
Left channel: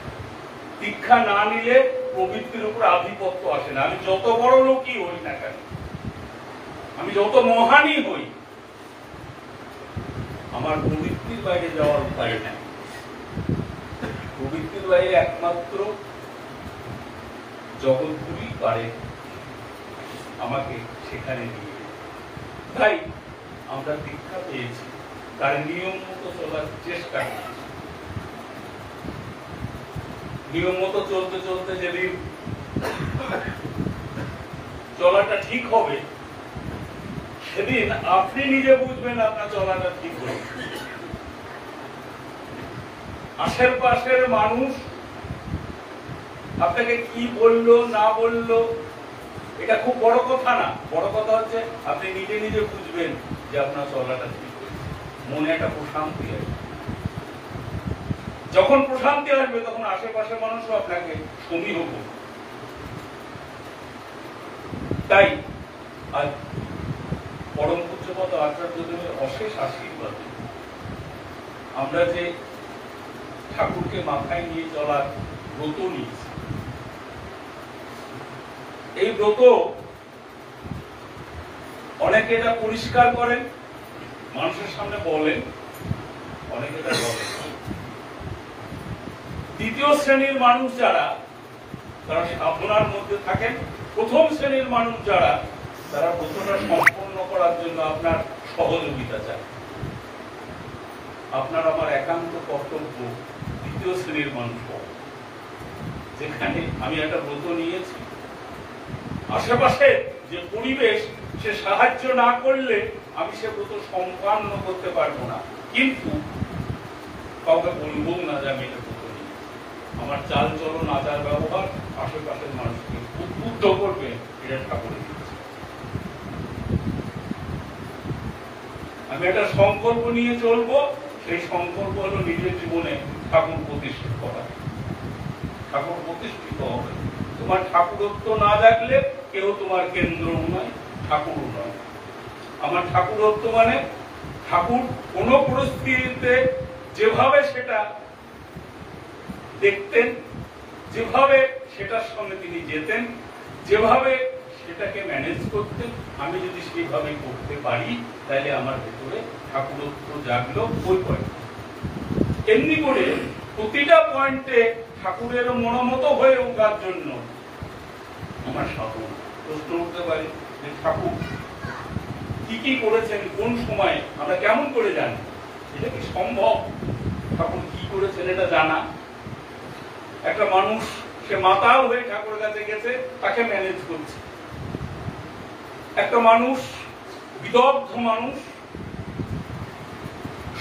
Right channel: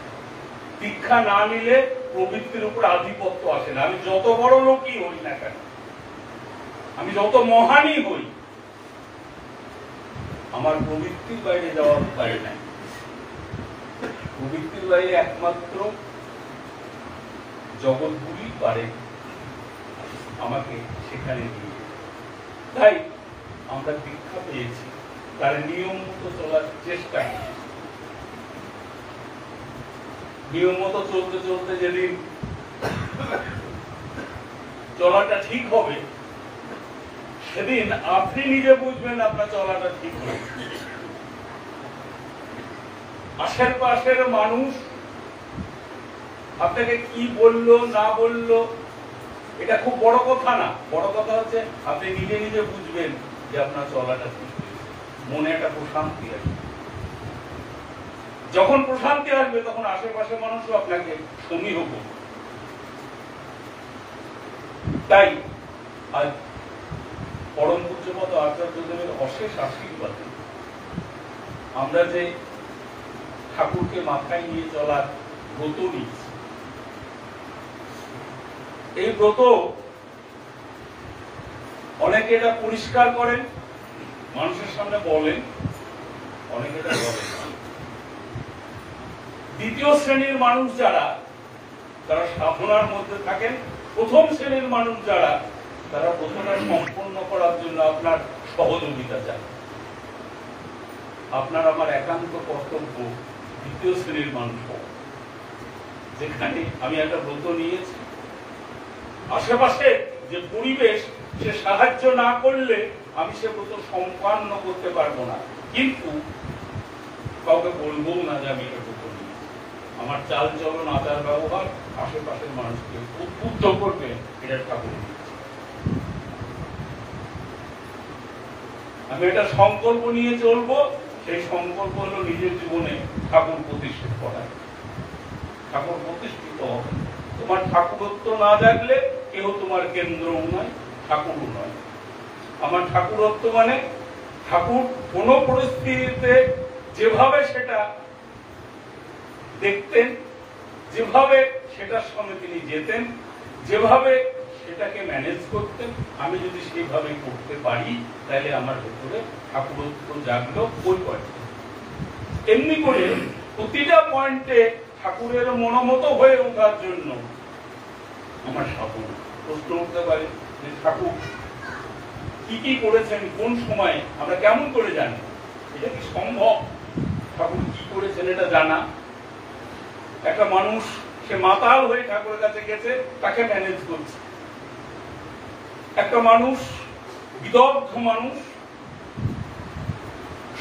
দীক্ষা না নিলে প্রবৃত্তির উপর আধিপত্য আসে না। আমি যত বড় লোকই হই না কেন, আমি যত মহানই হই, আমার প্রবৃত্তির বাইরে যাওয়ার উপায় নাই। প্রবৃত্তির বাইরে একমাত্র জগৎগুলি পারে আমাকে সেখানে নিয়ে। তাই আমরা দীক্ষা পেয়েছি, তার নিয়ম মতো চলার চেষ্টা করি। নিয়ম মতো চলতে চলতে যেদিন চলাটা ঠিক হবে, সেদিন আপনি নিজে বুঝবেন আপনার চলাটা ঠিক হবে। আশেপাশের মানুষ আপনাকে কি বললো না বললো এটা খুব বড় কথা না। বড় কথা হচ্ছে আপনি নিজে নিজে বুঝবেন যে আপনার চলাটা ঠিক, মনে একটা প্রশান্তি আসবে। যখন প্রশান্তি আসবে তখন আশেপাশের মানুষও আপনাকে সমীহ করবে। তাই আজ পরম পূজ্যপাদ আচার্যদেবের অশেষ আশীর্বাদ আমরা যে ঠাকুরকে মাথায় নিয়ে চলার ব্রত নিয়েছি, এই ব্রত অনেকে এটা পরিষ্কার করেন, মানুষের সামনে বলেন, অনেকে এটা বলেন। দ্বিতীয় শ্রেণীর মানুষ যারা, তারা সাধনার মধ্যে থাকেন। প্রথম শ্রেণীর মানুষ যারা, তারা ব্রতটা সম্পন্ন করার জন্য আপনার সহযোগিতা চায়। আপনার আমার একান্ত কর্তব্য দ্বিতীয় শ্রেণীর মানুষ হওয়া। যেখানে আমি একটা ব্রত নিয়েছি, আশেপাশে যে পরিবেশ সে সাহায্য না করলে আমি সে ব্রত সম্পন্ন করতে পারবো না। কিন্তু কাউকে বলবো না যে আমি এটা ব্রত নিয়েছি। আমার চাল চলন আচার ব্যবহার আশেপাশের মানুষকে উদ্বুদ্ধ করবে এটা ঠাকুর নিয়েছে। আমি একটা সংকল্প নিয়ে চলবো, সেই সংকল্প হলো নিজের জীবনে ঠাকুর প্রতিষ্ঠিত করা। ঠাকুর প্রতিষ্ঠিত হবে। তোমার ঠাকুরত্ব না জাগলে কেউ তোমার কেন্দ্রও নয়, ঠাকুরও নয়। আমার ঠাকুরত্ব মানে ঠাকুর কোন পরিস্থিতিতে যেভাবে সেটা দেখতেন, যেভাবে সেটার সঙ্গে তিনি যেতেন, যেভাবে সেটাকে ম্যানেজ করতেন, আমি যদি সেইভাবে করতে পারি তাহলে আমার ভেতরে ঠাকুরত্ব জাগলো ওই পয়েন্টে। এমনি করে প্রতিটা পয়েন্টে ঠাকুরের মনোমত হয়ে ওঠার জন্য আমার সাধনা। প্রশ্ন উঠতে পারে যে ঠাকুর কি কি করেছেন, কোন সময়ে, আমরা কেমন করে জানি? এটা কি সম্ভব ঠাকুর কি করেছেন এটা জানা? একটা মানুষ সে মাতাল হয়ে ঠাকুরের কাছে গেছে, তাকে ম্যানেজ করছে। একটা মানুষ বিদগ্ধ মানুষ,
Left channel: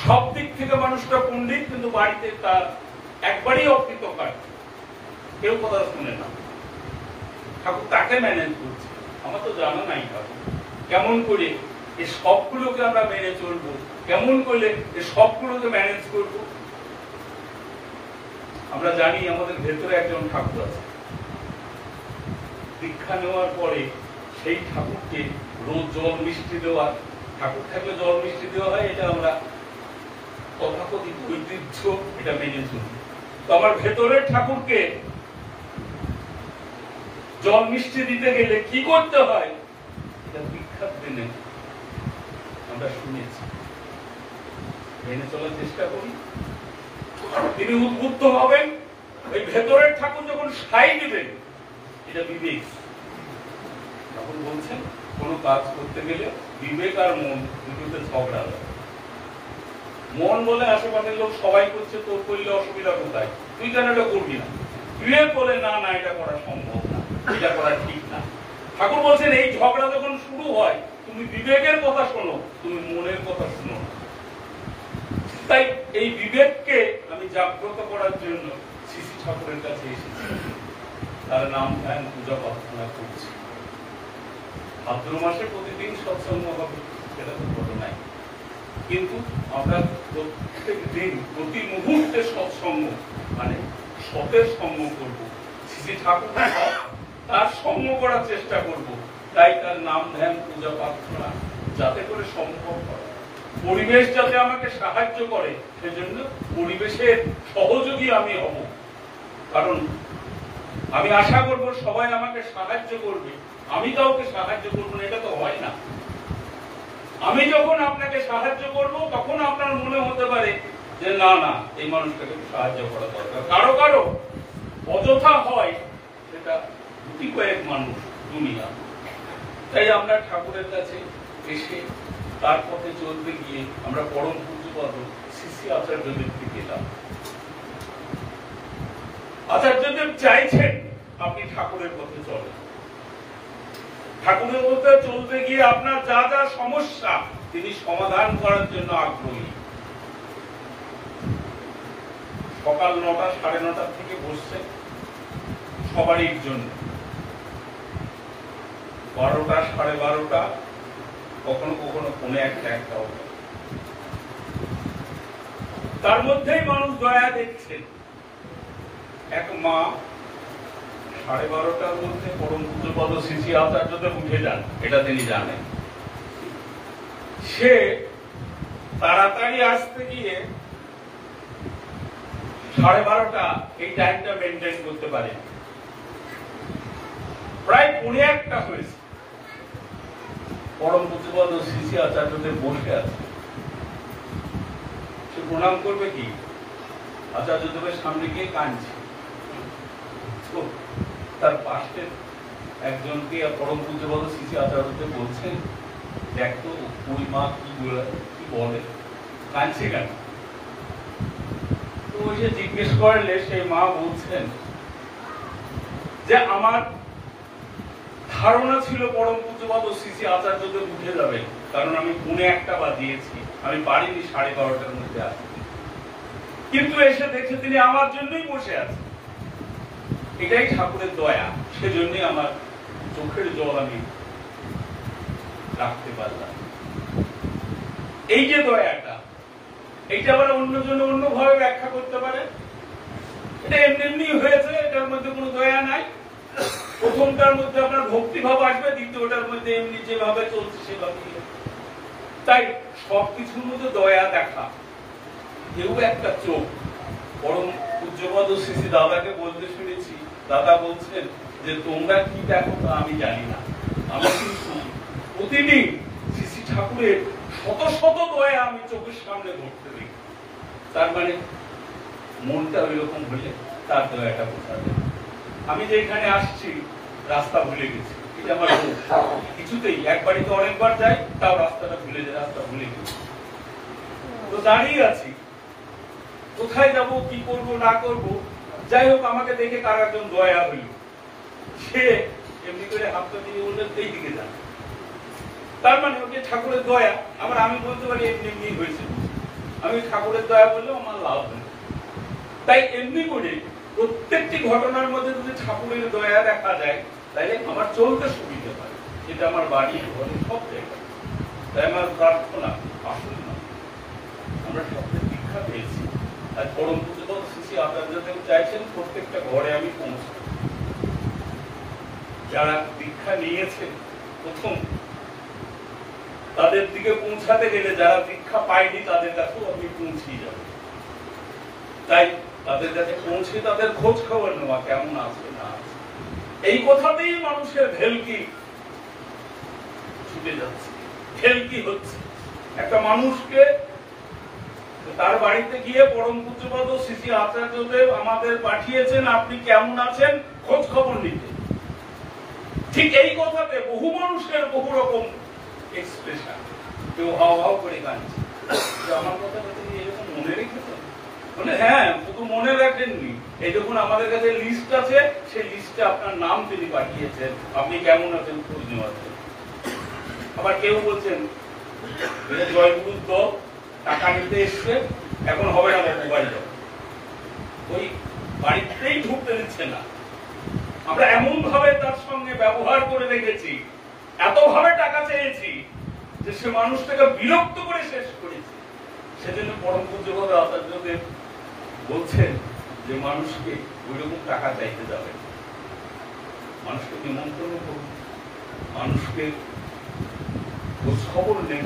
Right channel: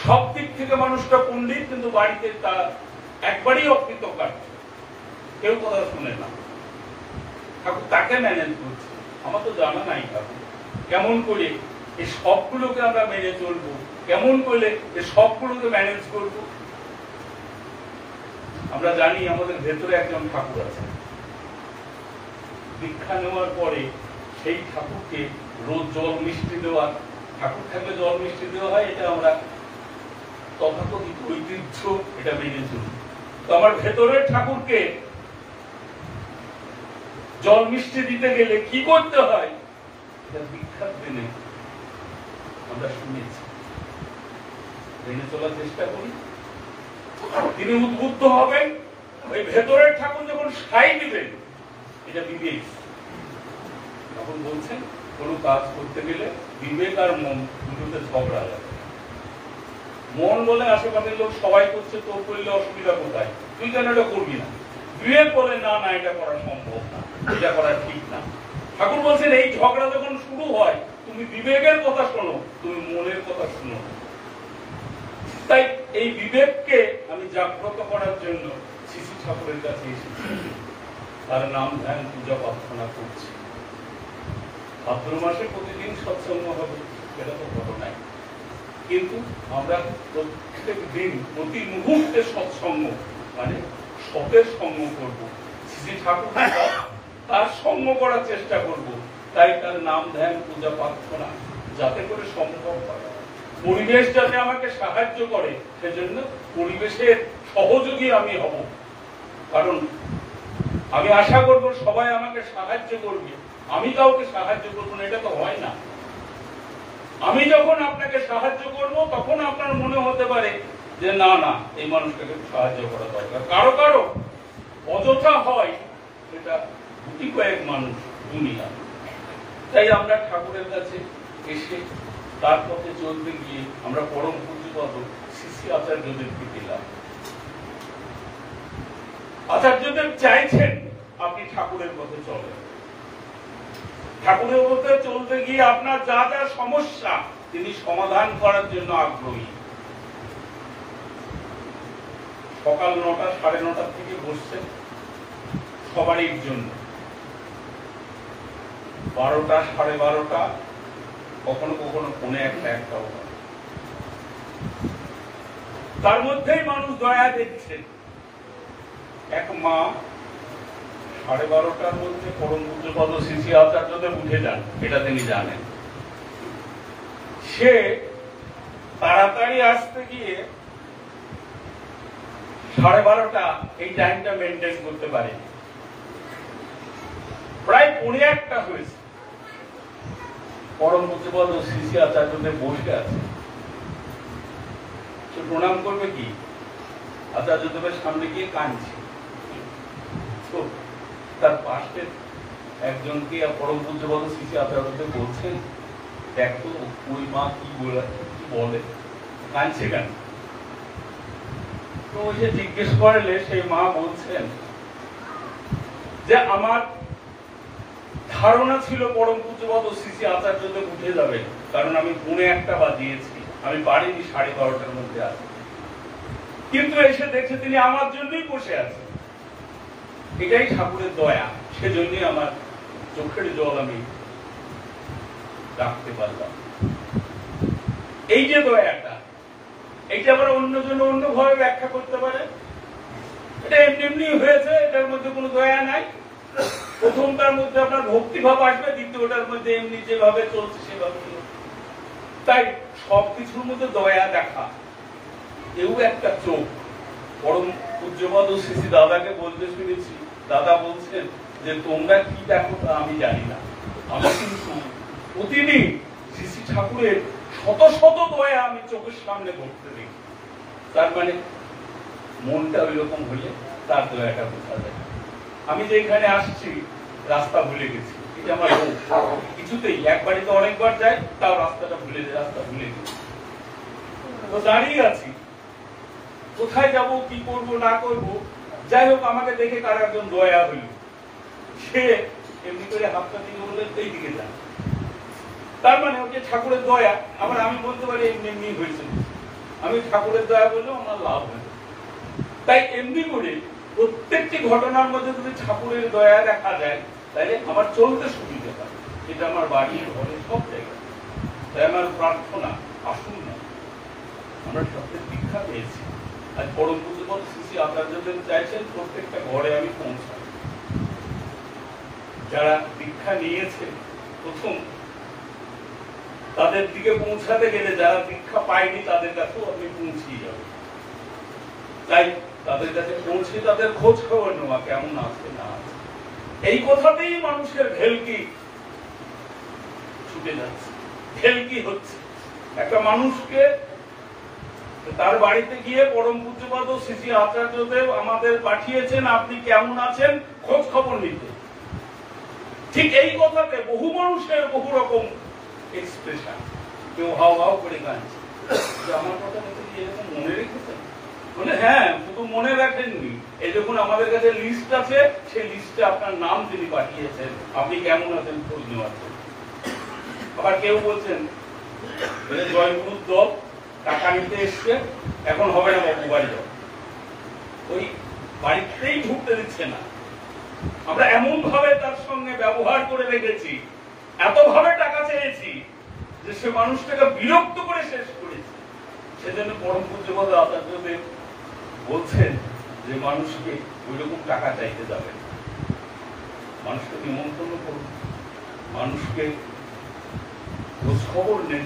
সব দিক থেকে মানুষটা পণ্ডিত, কিন্তু বাড়িতে তার একবারই অকৃতকার্য, কেউ কথা শুনে না। ঠাকুর তাকে ম্যানেজ করছে। আমার তো জানা নাই ঠাকুর কেমন করে এই সবগুলোকে আমরা মেনে চলবো, কেমন করলে এই সবগুলোকে ম্যানেজ করব। আমরা জানি আমাদের ভেতরে একজন ঠাকুর আছে। দীক্ষা নেওয়ার পরে সেই ঠাকুরকে রোজ জল মিষ্টি দেওয়ার, ঠাকুর থাকলে জল মিষ্টি দেওয়া হয়, এটা আমরা তথাকথিত ঐতিহ্য, এটা মেনে চলি। তো আমার ভেতরের ঠাকুরকে জল মিষ্টি দিতে গেলে কি করতে হয়, এটা দীক্ষার দিনে আমরা শুনেছি, মেনে চলার চেষ্টা করি। তিনি উদ্বুদ্ধ হবেন, ওই ভেতরের ঠাকুর যখন সাই দিবেন, এটা বিবেক। তখন বলছেন কোন কাজ করতে গেলে বিবেক আর মন দুটোতে ঝগড়া লাগে। মন বলে আশেপাশের লোক সবাই করছে, তো করলে অসুবিধা কোথায়, তুই কেন এটা করবি না? বিবেক বলে না না, এটা করা সম্ভব না, এটা করা ঠিক না। ঠাকুর বলছেন এই ঝগড়া যখন শুরু হয়, তুমি বিবেকের কথা শোনো, তুমি মনের কথা শোনো। তাই এই বিবেককে আমি জাগ্রত করার জন্য শ্রী শ্রী ঠাকুরের কাছে এসেছি, তার নাম ধ্যান পূজা প্রার্থনা করছি। ভাদ্র মাসে প্রতিদিন সৎসঙ্গ হবে, সেটা তো বড় নাই, কিন্তু আমরা প্রত্যেক দিন প্রতি মুহূর্তে সৎসঙ্গ মানে সতের সঙ্গ করবো। শ্রী ঠাকুর তার সঙ্গ করার চেষ্টা করব। তাই তার নাম ধ্যান পূজা প্রার্থনা যাতে করে সম্ভব হয়। পরিবেশ যাতে আমাকে সাহায্য করে, সেজন্য পরিবেশের সহযোগী আমি হব। কারণ আমি আশা করব সবাই আমাকে সাহায্য করবে, আমি কাউকে সাহায্য করবো না, এটা তো হয় না। আমি যখন আপনাকে সাহায্য করব, তখন আপনার মনে হতে পারে যে না না, এই মানুষটাকে সাহায্য করা দরকার। কারো কারো অযথা হয়, সেটা গুটি কয়েক মানুষ দুনিয়া। তাই আমরা ঠাকুরের কাছে এসে তার পথে চলতে গিয়ে আমরা পরম পূজ্যপদ শ্রী শ্রী আচার্যদেবকে পেলাম। আচার্যদেব চাইছেন আপনি ঠাকুরের পথে চলেন। ঠাকুরের পথে চলতে গিয়ে আপনার যা যা সমস্যা তিনি সমাধান করার জন্য আগ্রহী। সকাল 9টা 9:30 থেকে বসছেন সবারই জন্য, 12টা 12:30, কখনো কখনো 1:45। তার মধ্যেই মানুষ দয়া দেখছেন। এক মা 12:30টার মধ্যে পরম পূজ্যপদ শ্রী শ্রী আচার্যদেব উঠে যান, এটা তিনি জানেন। সে তাড়াতাড়ি আসতে গিয়ে 12:30 এই টাইমটা মেনটেন করতে পারে। প্রায় 1:45 হয়েছে, পরম পূজ্যপদ শ্রী শ্রী আচার্যদেব বসে আছে। সে প্রণাম করবে কি? আচার্যদেবের সামনে গিয়ে কাঁদছে। তো তার পাশে একজনকে পরম পূজ্যপদ শ্রী শ্রী আচার্যদেব বলছেন, দেখ তো ওই মা কি বলে, কাঁদছে কেন? তো ওই যে জিজ্ঞেস করলে সেই মা বলছেন যে আমার ধারণা ছিল পরম পূজ্যপদ শ্রী শ্রী আচার্যদেব উঠে যাবেন, কারণ আমি 1:45 বাজিয়েছি, আমি পারিনি 12:30টার মধ্যে আসতে, কিন্তু এসে দেখে তিনি আমার জন্যই বসে আছেন। এটাই ঠাকুরের দয়া, সেজন্যই আমার চোখের জল আমি রাখতে পারলাম। এই যে দয়াটা, এইটা আবার অন্যজন অন্যভাবে ব্যাখ্যা করতে পারে। এটা এমনি এমনি হয়েছে, এটার মধ্যে কোনো দয়া নাই। প্রথমটার মধ্যে আপনার ভক্তিভাব আসবে, দ্বিতীয়টার মধ্যে এমনি যেভাবে চলছে সেভাবে। তাই সবকিছুর মধ্যে দয়া দেখা। কেউ একটা চোখ, পরম পূজ্যপদ শ্রী শ্রী দাদাকে বলতে শুনেছি, দাদা বলছেন যে তোমরা কি দেখো তা আমি জানি না, আমি কিন্তু প্রতিদিন শ্রী শ্রী ঠাকুরের শত শত দয়া আমি চোখের সামনে ধরতে দেখি। তার মানে মনটা ওই রকম হলে তার দয়াটা বোঝা যায়। আমি যে এখানে আসছি রাস্তা ভুলে গেছি, এটা আমার কিছুতেই, একবারই তো অনেকবার যাই, তাও রাস্তাটা ভুলে যায়, রাস্তা ভুলে গেছি। তো দাঁড়িয়ে আছি, কোথায় যাব, কি করব না করব। যাই হোক, আমাকে দেখে কার একজন দয়া হইল, সে এমনি করে হাতটা দিয়ে বললেন এই দিকে যান। তার মানে ওকে ঠাকুরের দয়া। আবার আমি বলতে পারি এমনি এমনি হয়েছে, আমি ঠাকুরের দয়া বললেও আমার লাভ হয়। তাই এমনি করে প্রত্যেকটি ঘটনার মধ্যে যদি ঠাকুরের দয়া দেখা যায়, তাহলে আমার চলতে সুবিধা হয়। এটা আমার বাড়ি, ঘরে, সব জায়গায়। তাই আমার প্রার্থনা, আসুন না, আমরা সবচেয়ে দীক্ষা পেয়েছি, আর পরম পূজ্যপদ শ্রী শ্রী আচার্যদেব চাইছেন প্রত্যেকটা ঘরে আমি পৌঁছাই। যারা দীক্ষা নিয়েছে প্রথম, তাদের দিকে পৌঁছাতে গেলে যারা দীক্ষা পায়নি তাদের কাছেও আপনি পৌঁছিয়ে যাবেন। তাই তাদের কাছে পৌঁছে তাদের খোঁজ খবর নেওয়া, কেমন আছে না আছে। এই কথাতেই মানুষের ভেলকি ছুটে যাচ্ছে, ভেলকি হচ্ছে। একটা মানুষকে তার বাড়িতে গিয়ে পরম পূজ্যপদ শ্রী শ্রী আচার্যদেব আমাদের পাঠিয়েছেন আপনি কেমন আছেন খোঁজ খবর নিতে। ঠিক এই কথাতে বহু মানুষের বহু রকম এক্সপ্রেশন। কেউ হাও হাও করে কাঁদছে, আমার কথাটা তুমি এরকম মনে রেখেছেন? মানে হ্যাঁ, শুধু মনে রাখেননি, এই দেখুন আমাদের কাছে লিস্ট আছে, সেই লিস্টে আপনার নাম তিনি পাঠিয়েছেন, আপনি কেমন আছেন খোঁজ নেওয়ার জন্য। আবার কেউ বলছেন জয়গুরুর দল টাকা নিতে এসছে, এখন হবে না বাবু বাড়ি যাও, ওই বাড়িতেই ঢুকতে দিচ্ছে না। আমরা এমন ভাবে তার সঙ্গে ব্যবহার করে রেখেছি, এত ভাবে টাকা চেয়েছি যে সে মানুষটাকে বিরক্ত করে শেষ করেছে। সেজন্য পরম পূজ্যপদ আচার্যদেব বলছেন যে মানুষকে ওইরকম টাকা চাইতে যাবে, মানুষকে নিমন্ত্রণ করুন, মানুষকে খোঁজ খবর নেন,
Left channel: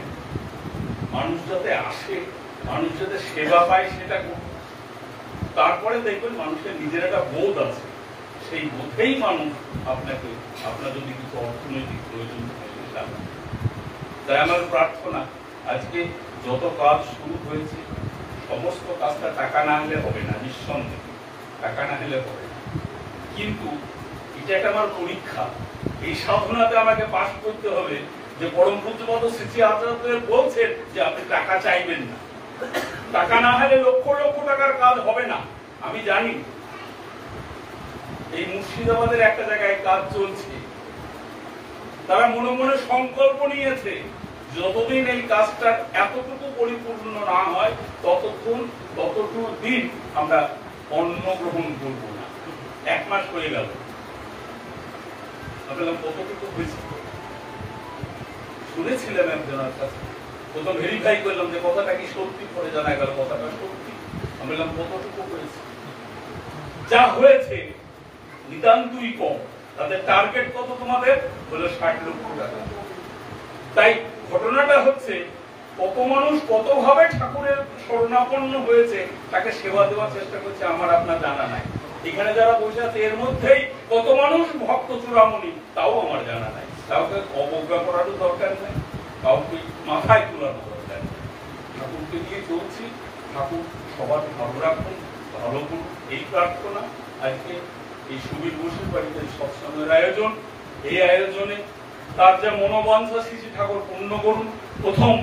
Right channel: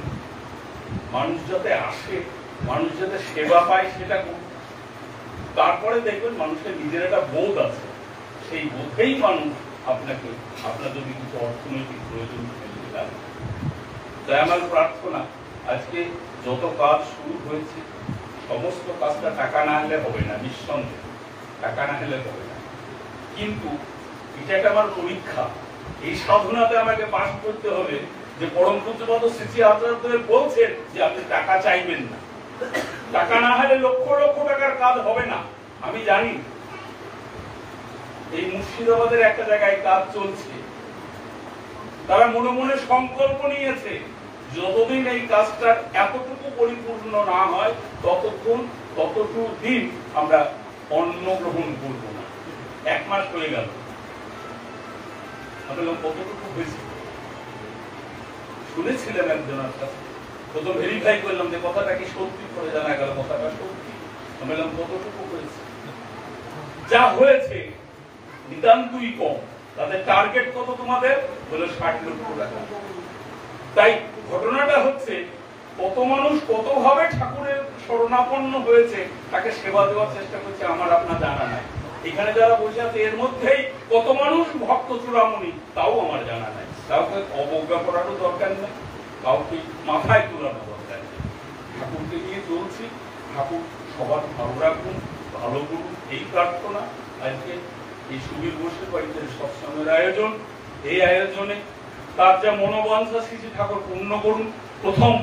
মানুষ যাতে আসে, মানুষ যাতে সেবা পায় সেটা করুন। তারপরে দেখবেন মানুষের নিজের একটা বোধ আছে, সেই বোধেই মানুষ আপনাকে, আপনার যদি কিছু অর্থনৈতিক প্রয়োজন থাকে। তাই আমার প্রার্থনা, আজকে যত কাজ শুরু হয়েছে সমস্ত কাজটা টাকা না হলে হবে না, নিঃসন্দেহে টাকা না হলে হবে না। কিন্তু এটা একটা আমার পরীক্ষা, এই সাধনাতে আমাকে পাশ করতে হবে যে পরম পূজ্যপাদ শ্রী আচার্যদেব বলছেন যে আপনি টাকা চাইবেন না, টাকা না হলে লক্ষ লক্ষ টাকার কাজ হবে না। আমি জানি এই মুর্শিদাবাদের একটা জায়গায় কাজ চলছে, তারা মনে মনে সংকল্প নিয়েছে যতদিন এই কাজটা এতটুকু পরিপূর্ণ না হয় ততটুকু দিন আমরা অন্ন গ্রহণ করব না। 1 মাস হয়ে গেল, আমি বললাম কতটুকু হয়েছে? শুনেছিলাম একজনের কাছে, প্রথম ভেরিফাই করলাম যে কথাটা কি সত্যি, করে জানা গেল কথাটা সত্যি। আমি বললাম কতটুকু হয়েছে? যা হয়েছে নিতান্তই কম। তাদের টার্গেট কত তোমাদের? বলে 60 লক্ষ টাকা। তাই ঘটনাটা হচ্ছে কত মানুষ কতভাবে ঠাকুরের শরণাপন্ন হয়েছে তাকে সেবা দেওয়ার চেষ্টা করছে আমার আপনার জানা নাই। এখানে যারা বসে আছে এর মধ্যেই কত মানুষ ভক্ত চূড়ামণি তাও আমার জানা নাই। কাউকে অবজ্ঞা করারও দরকার নেই, কাউকে মাথায় তোলার দরকার নেই। ঠাকুরকে নিয়ে চলছি, ঠাকুর সবার ভালো রাখুন, ভালো করুন, এই প্রার্থনা। আজকে এই সুবীর বসুর বাড়িতে সৎসঙ্গের আয়োজন, এই আয়োজনে তার যা মনোবাঞ্ছা শ্রী ঠাকুর পূর্ণ করুন। প্রথম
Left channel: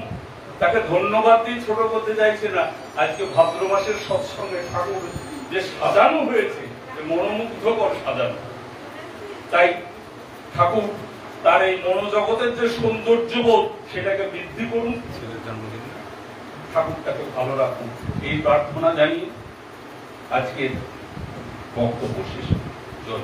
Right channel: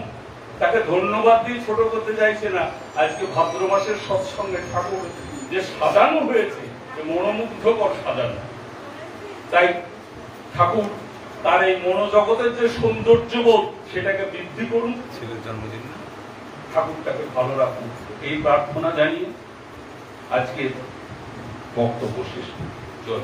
তাকে ধন্যবাদ দিয়ে ছোট করতে চাইছে না, আজকে ভাদ্র মাসের সৎসঙ্গে ঠাকুর যে সাজানো হয়েছে মনোমুগ্ধকর সাজানো। তাই ঠাকুর তার এই মনোজগতের যে সৌন্দর্যবোধ সেটাকে বৃদ্ধি করুন, ছেলের জন্মদিন ঠাকুরটাকে ভালো রাখুন, এই প্রার্থনা জানিয়ে আজকে বক্তব্য শেষ জল।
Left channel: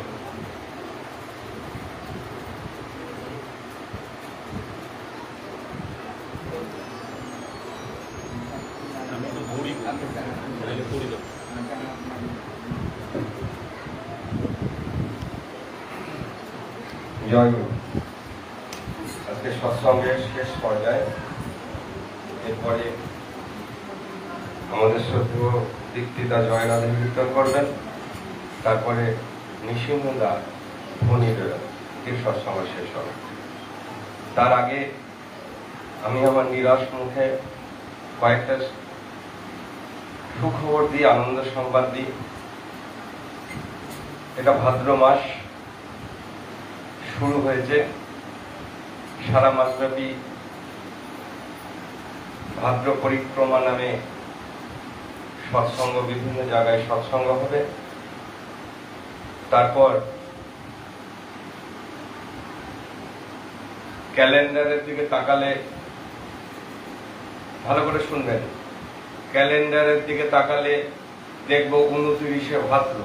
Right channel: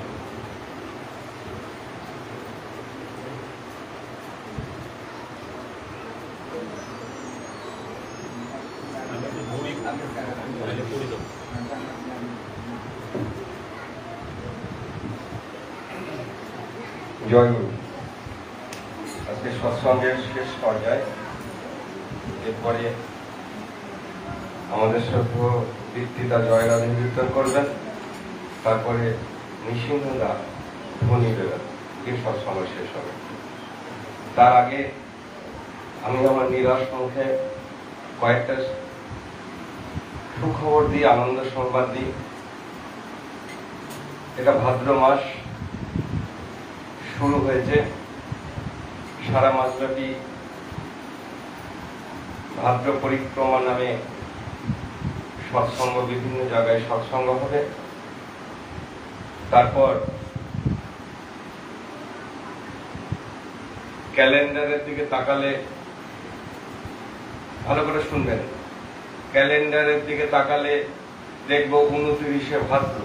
জয় গুরু। আজকে সৎসঙ্গের শেষ পর্যায়ে, এরপরে আমাদের শ্রদ্ধেয় দীক্ষিতা জয়নাথ কীর্তন করবেন, তারপরে নিঃসন্দেহরা ধ্বনি দেবেন, দিয়ে সৎসঙ্গ শেষ হবে। তার আগে আমি আমার নিরাশ মুখে কয়েকটা সুখবর দিই, আনন্দ সংবাদ দিই। এটা ভাদ্র মাস শুরু হয়েছে, সারা মাসব্যাপী ভাদ্র পরিক্রমা নামে সৎসঙ্গ, বিভিন্ন জায়গায় সৎসঙ্গ হবে। তারপর ক্যালেন্ডারের দিকে তাকালে, ভালো করে শুনবেন, ক্যালেন্ডারের দিকে তাকালে দেখব 29শে ভাদ্র,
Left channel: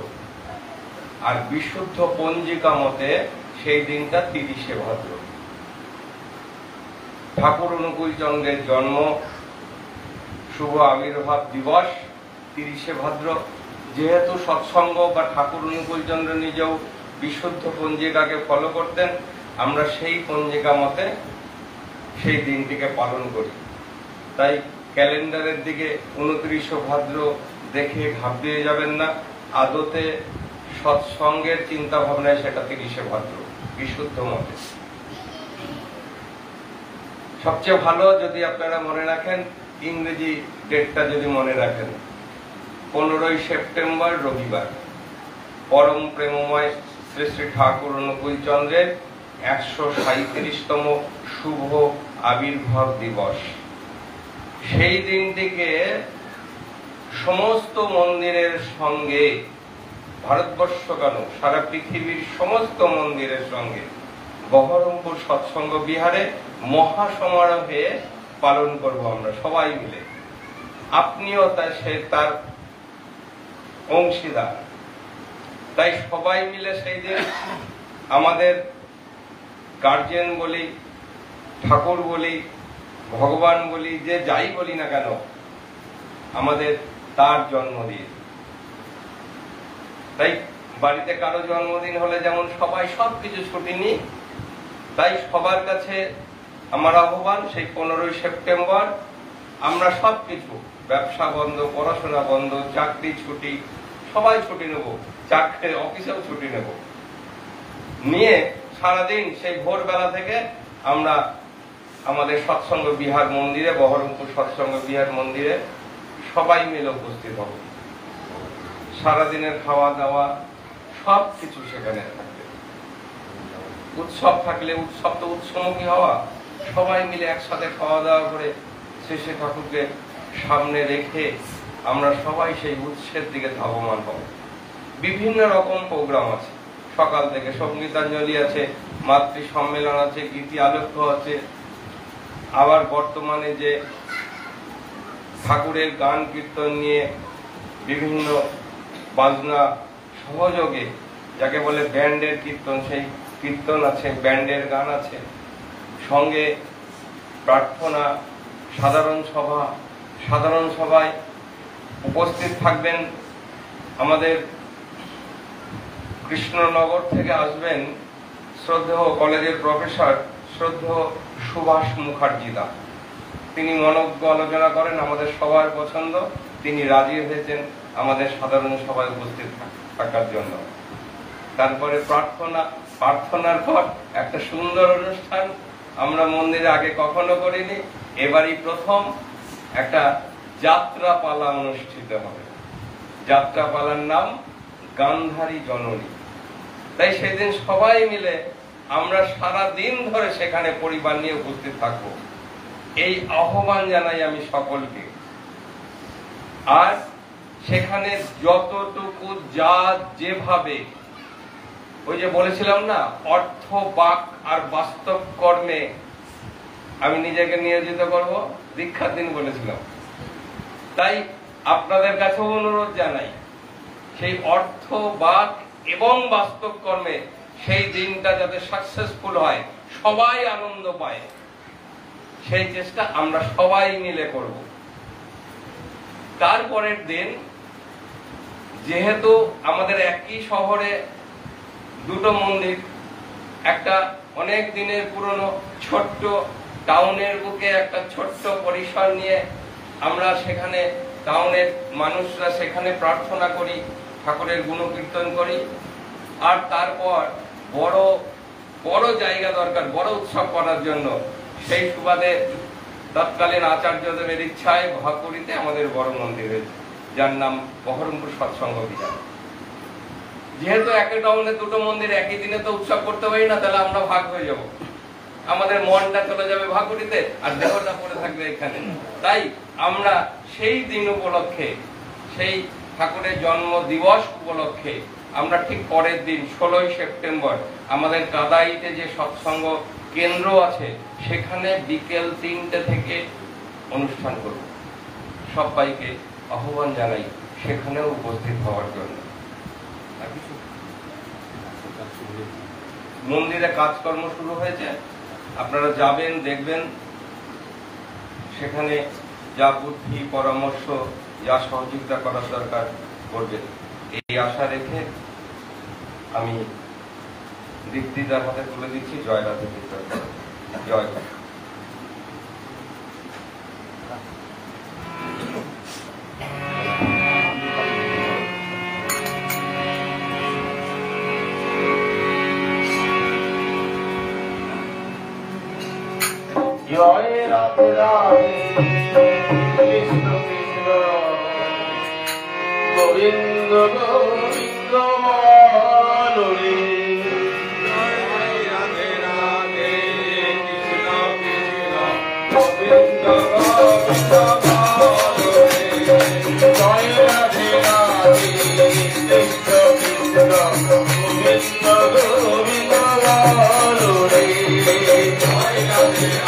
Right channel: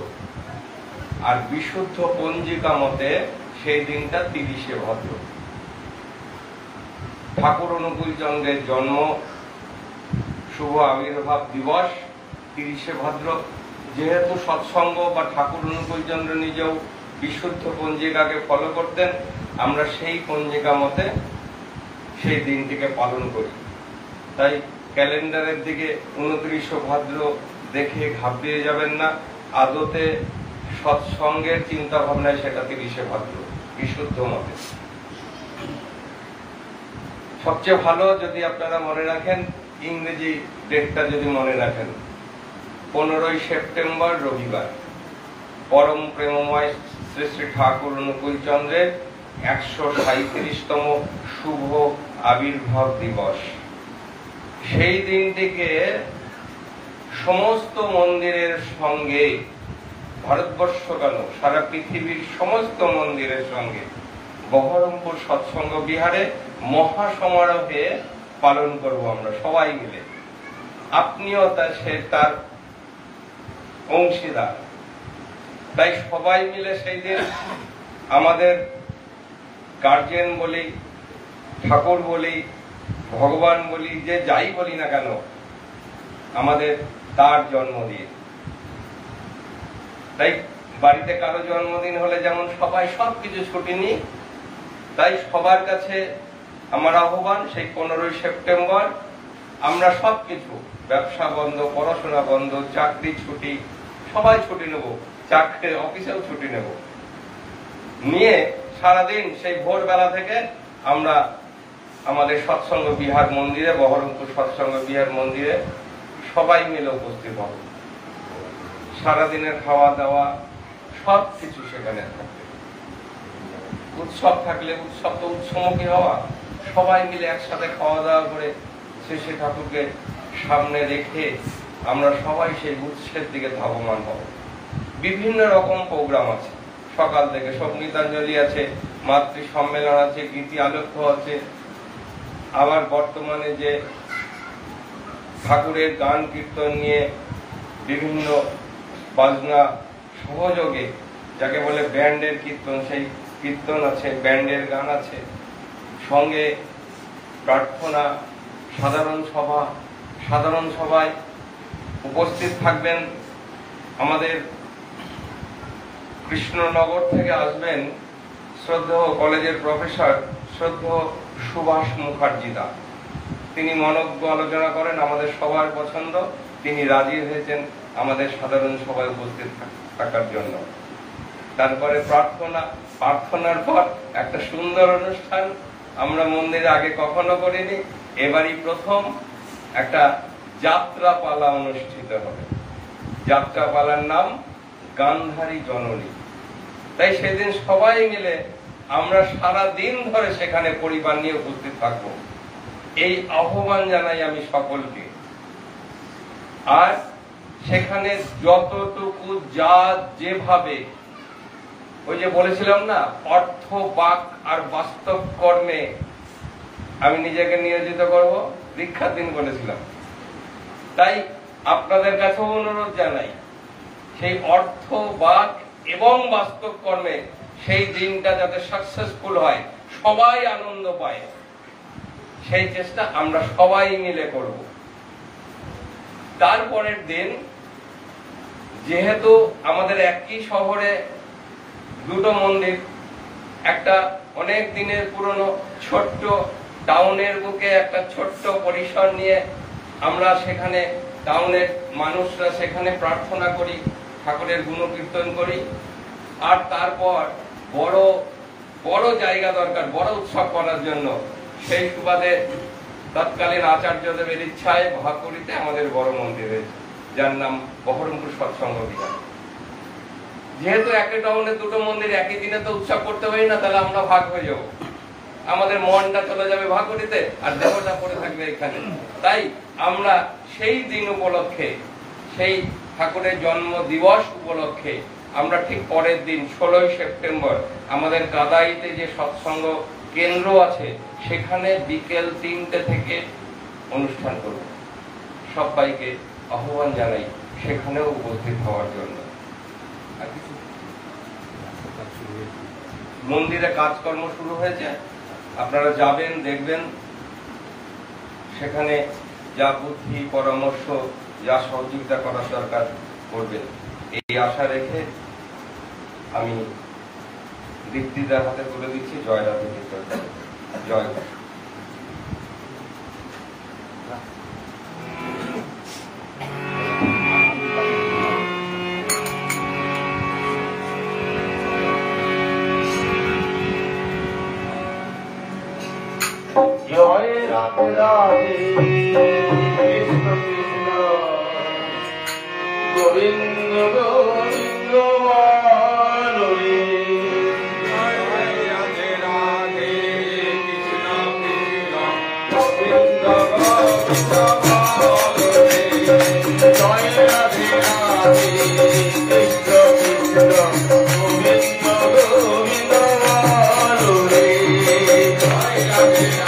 আর বিশুদ্ধ পঞ্জিকা মতে সেই দিনটা 30শে ভাদ্র। ঠাকুর অনুকূল চন্দ্রের জন্ম, শুভ আবির্ভাব দিবস 30শে ভাদ্র। যেহেতু সৎসঙ্গ বা ঠাকুর অনুকূল চন্দ্র নিজেও বিশুদ্ধ পঞ্জিকাকে ফলো করতেন, আমরা সেই পঞ্জিকা মতে সেই দিনটিকে পালন করি। তাই ক্যালেন্ডারের দিকে 29শে ভাদ্র দেখে ঘাবড়িয়ে যাবেন না। আদতে সৎসঙ্গের চিন্তা ভাবনায় সেটা 30শে ভাদ্র বিশুদ্ধ মতে। সবচেয়ে ভালো যদি আপনারা মনে রাখেন, ইংরেজি ডেটটা যদি মনে রাখেন, 15ই সেপ্টেম্বর রবিবার, পরম প্রেমময় শ্রী শ্রী ঠাকুর অনুকূল চন্দ্রের 137তম শুভ আবির্ভাব দিবস। সেই দিনটিকে সমস্ত মন্দিরের সঙ্গে, ভারতবর্ষ কেন সারা পৃথিবীর সমস্ত মন্দিরের সঙ্গে বহরমপুর সৎসঙ্গ বিহারে মহাসমারোহে পালন করব আমরা সবাই মিলে। আপনিও তার অংশীদার। তাই সবাই মিলে সেই দিন আমাদের গার্জেন বলি, ঠাকুর বলি, ভগবান বলি, যে যাই বলি না কেন, আমাদের তার জন্মদিন। তাই বাড়িতে কারো জন্মদিন হলে যেমন সবাই সবকিছু ছুটি নিই, তাই সবার কাছে আমার আহ্বান, সেই 15ই সেপ্টেম্বর আমরা সবকিছু, ব্যবসা বন্ধ, পড়াশোনা বন্ধ, চাকরি ছুটি, সবাই ছুটি নেব, চাকরি অফিসেও ছুটি নেব, নিয়ে সারাদিন সেই ভোরবেলা থেকে আমরা আমাদের সৎসঙ্গ বিহার মন্দিরে, বহরমপুর সৎসঙ্গ বিহার মন্দিরে সবাই মিলে উপস্থিত হব। সারাদিনের খাওয়া দাওয়া সবকিছু সেখানে থাকবে। উৎসব থাকলে উৎসব তো উৎসমুখী হওয়া, সবাই মিলে একসাথে খাওয়া দাওয়া করে শ্রী ঠাকুরকে সামনে রেখে আমরা সবাই সেই উৎসের দিকে ধাবমান হব। বিভিন্ন রকম প্রোগ্রাম আছে, সকাল থেকে সঙ্গীতাঞ্জলি আছে, মাতৃ সম্মেলন আছে, গীতি আলোক্য আছে, আবার বর্তমানে যে ঠাকুরের গান কীর্তন নিয়ে বিভিন্ন বাজনা সহযোগে যাকে বলে ব্যান্ডের কীর্তন, সেই কীর্তন আছে, ব্যান্ডের গান আছে, সঙ্গে প্রার্থনা, সাধারণ সভায় উপস্থিত থাকবেন আমাদের কৃষ্ণনগর থেকে আসবেন শ্রদ্ধেয় কলেজের প্রফেসর শ্রদ্ধেয় সুভাষ মুখার্জিদা। তিনি মনজ্ঞ আলোচনা করেন, আমাদের সবার পছন্দ, তিনি রাজি হয়েছেন আমাদের সাধারণ সভায় উপস্থিত থাকার জন্য। তারপরে প্রার্থনার পর একটা সুন্দর অনুষ্ঠান আমরা মন্দিরে আগে কখনো করিনি, এবারই প্রথম একটা যাত্রাপালা অনুষ্ঠিত হবে। যাত্রাপালার নাম গান্ধারী জননী। তাই সেদিন সবাই মিলে আমরা সারা দিন ধরে সেখানে পরিবার নিয়ে উপস্থিত থাকব, এই আহ্বান জানাই আমি সকলকে। আর সেখানে যতটুকু যা যেভাবে, ওই যে বলেছিলাম না, অর্থ বাক আর বাস্তব কর্মে আমি নিজেকে নিয়োজিত করব, দীক্ষার দিন বলেছিলাম। তাই আপনাদের কাছে অনুরোধ জানাই, সেই অর্থ বাক এবং বাস্তব কর্মে সেই দিনটা যাতে সাকসেসফুল হয়, সবাই আনন্দ পায়, সেই চেষ্টা আমরা সবাই মিলে করব। তারপরের দিন যেহেতু আমাদের একই শহরে দুটো মন্দির, একটা অনেক দিনের পুরনো ছোট্ট টাউনের বুকে একটা ছোট্ট পরিসর নিয়ে আমরা সেখানে টাউনের মানুষরা সেখানে প্রার্থনা করি, ঠাকুরের গুণকীর্তন করি। আর তারপর বড় বড় জায়গা দরকার বড় উৎসব করার জন্য, সেই সুবাদে তৎকালীন আচার্যদেবের ইচ্ছায় ভাকুরিতে আমাদের বড় মন্দির হয়েছে, যার নাম বহরমপুর সৎসঙ্গ বিহার। যেহেতু একই টাউনে দুটো মন্দির একই দিনে তো উৎসব করতে পারি না, তাহলে আমরা ভাগ হয়ে যাব, আমাদের মনটা চলে যাবে ভাকুরিতে আর দেহটা পড়ে থাকবে এখানে। তাই আমরা সেই দিন উপলক্ষে, সেই ঠাকুরের জন্ম দিবস উপলক্ষে আমরা ঠিক পরের দিন 16 সেপ্টেম্বর আমাদের কাদাইতে যে সৎসঙ্গ কেন্দ্র আছে সেখানে বিকেল 3টে থেকে অনুষ্ঠান করব। সবাইকে আহ্বান জানাই সেখানেও উপস্থিত হওয়ার জন্য। মন্দিরে কাজকর্ম শুরু হয়েছে, আপনারা যাবেন, দেখবেন, সেখানে যা বুদ্ধি পরামর্শ, যা সহযোগিতা করার দরকার করবেন, এই আশা রেখে আমি দীপ্তিদার হাতে তুলে দিচ্ছি। জয় রাধে, জয় রাধে। জয় রাধে রাধে কৃষ্ণ কৃষ্ণ গোবিন্দ গোবিন্দ বলো রে। জয় রাধে রাধে কৃষ্ণ কৃষ্ণ গোবিন্দ গোবিন্দ বলো রে। জয় রাধে রাধে কৃষ্ণ কৃষ্ণ গোবিন্দ গোবিন্দ বলো রে। জয় রাধে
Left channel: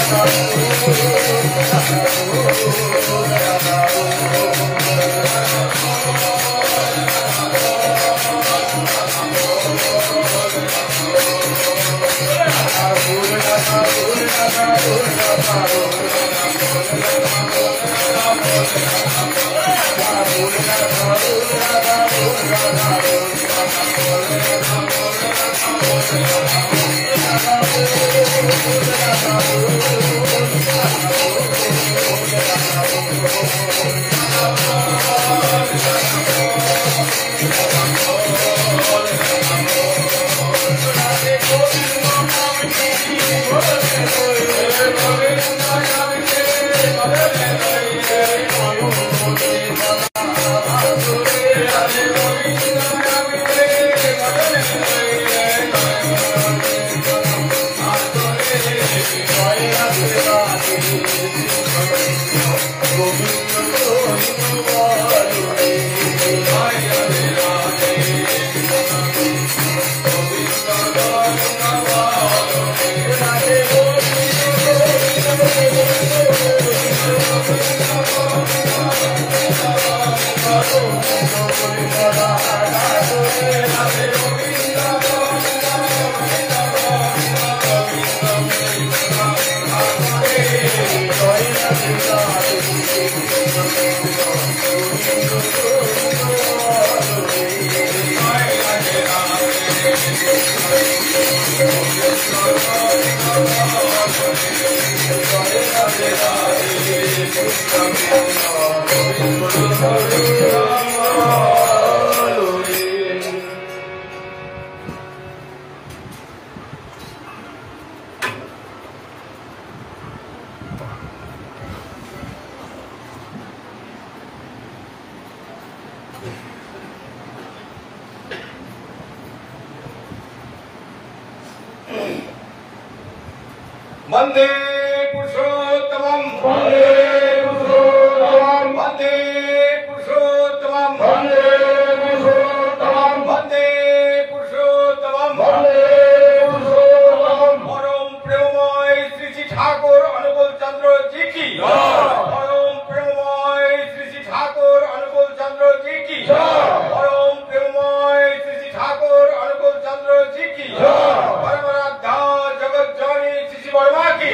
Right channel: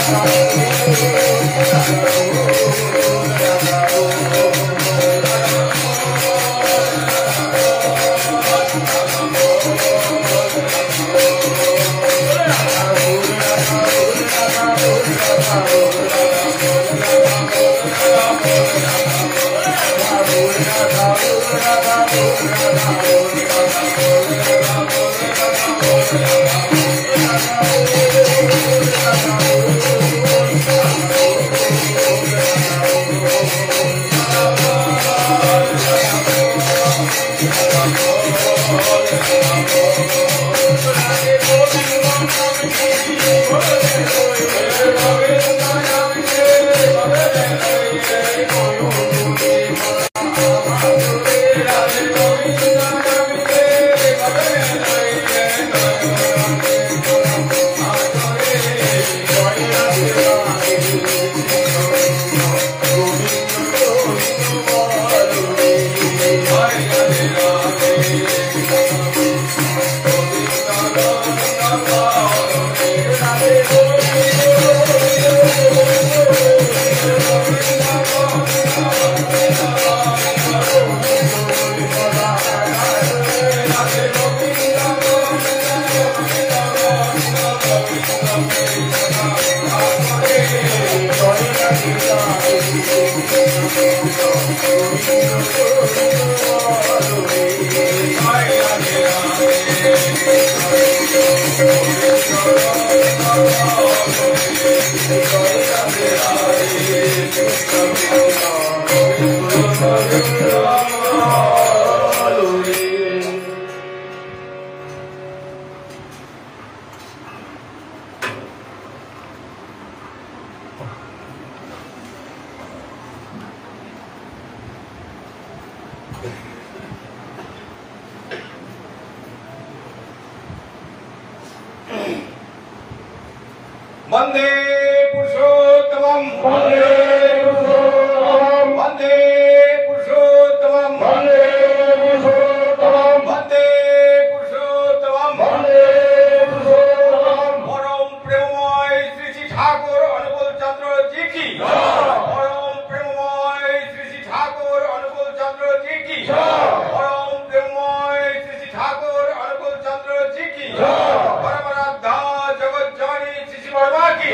Thank you. वंदे पुरुषोत्तमं वंदे पुरुषोत्तमं वंदे पुरुषोत्तमं वंदे पुरुषोत्तमं वंदे पुरुषोत्तमं वंदे पुरुषोत्तमं परम प्रेममय श्री श्री ठाकुर अनुकूल चंद्र जी की परम प्रेममय श्री श्री ठाकुर अनुकूल चंद्र जी की परम प्रेममय श्री श्री ठाकुर अनुकूल चंद्र जी की परमराधा जगत जानी श्री वर्मा की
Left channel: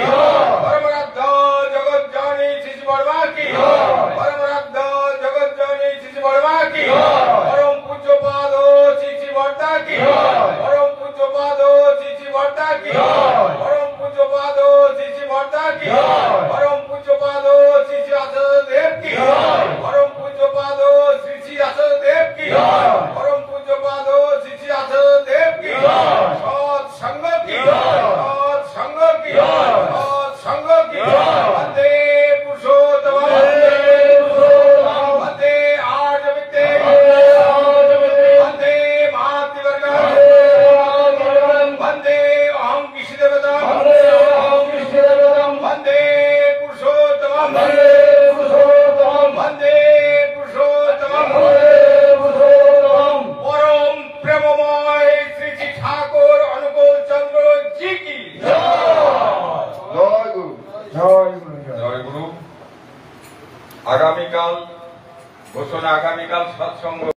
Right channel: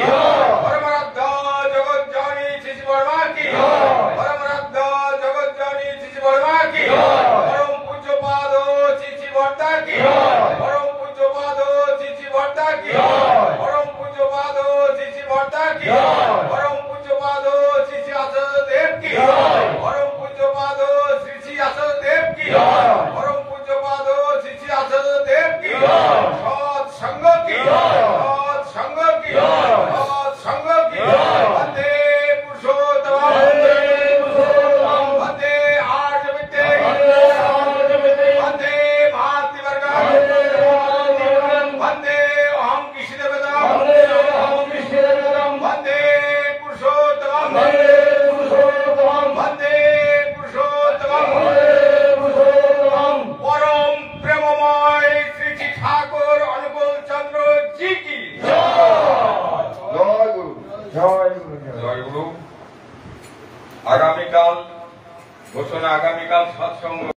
परमराधा जगत जानी श्री वर्मा की परमराधा जगत जानी श्री वर्मा की परम पूज्य पादो श्री वर्ता की परम पूज्य पादो श्री वर्ता की परम पूज्य पादो श्री वर्ता की परम पूज्य पादो श्री आसद देव की परम पूज्य पादो श्री आसद देव की परम पूज्य पादो श्री आसद देव की सत संग की सत संग की सत संग की वंदे पुरुषोत्तमं वंदे पुरुषोत्तमं वंदे आर्य विद्ये वंदे मातृवर्गं वंदे अहं कृष्णदेवतं वंदे पुरुषोत्तमं वंदे पुरुषोत्तमं वंदे पुरुषोत्तमं परम प्रेममय श्री श्री ठाकुर अनुकूल चंद्र जी की জয় গুরু জয় গুরু জয় গুরু। আগামীকাল ঘোষণা, আগামীকাল সৎসঙ্গ।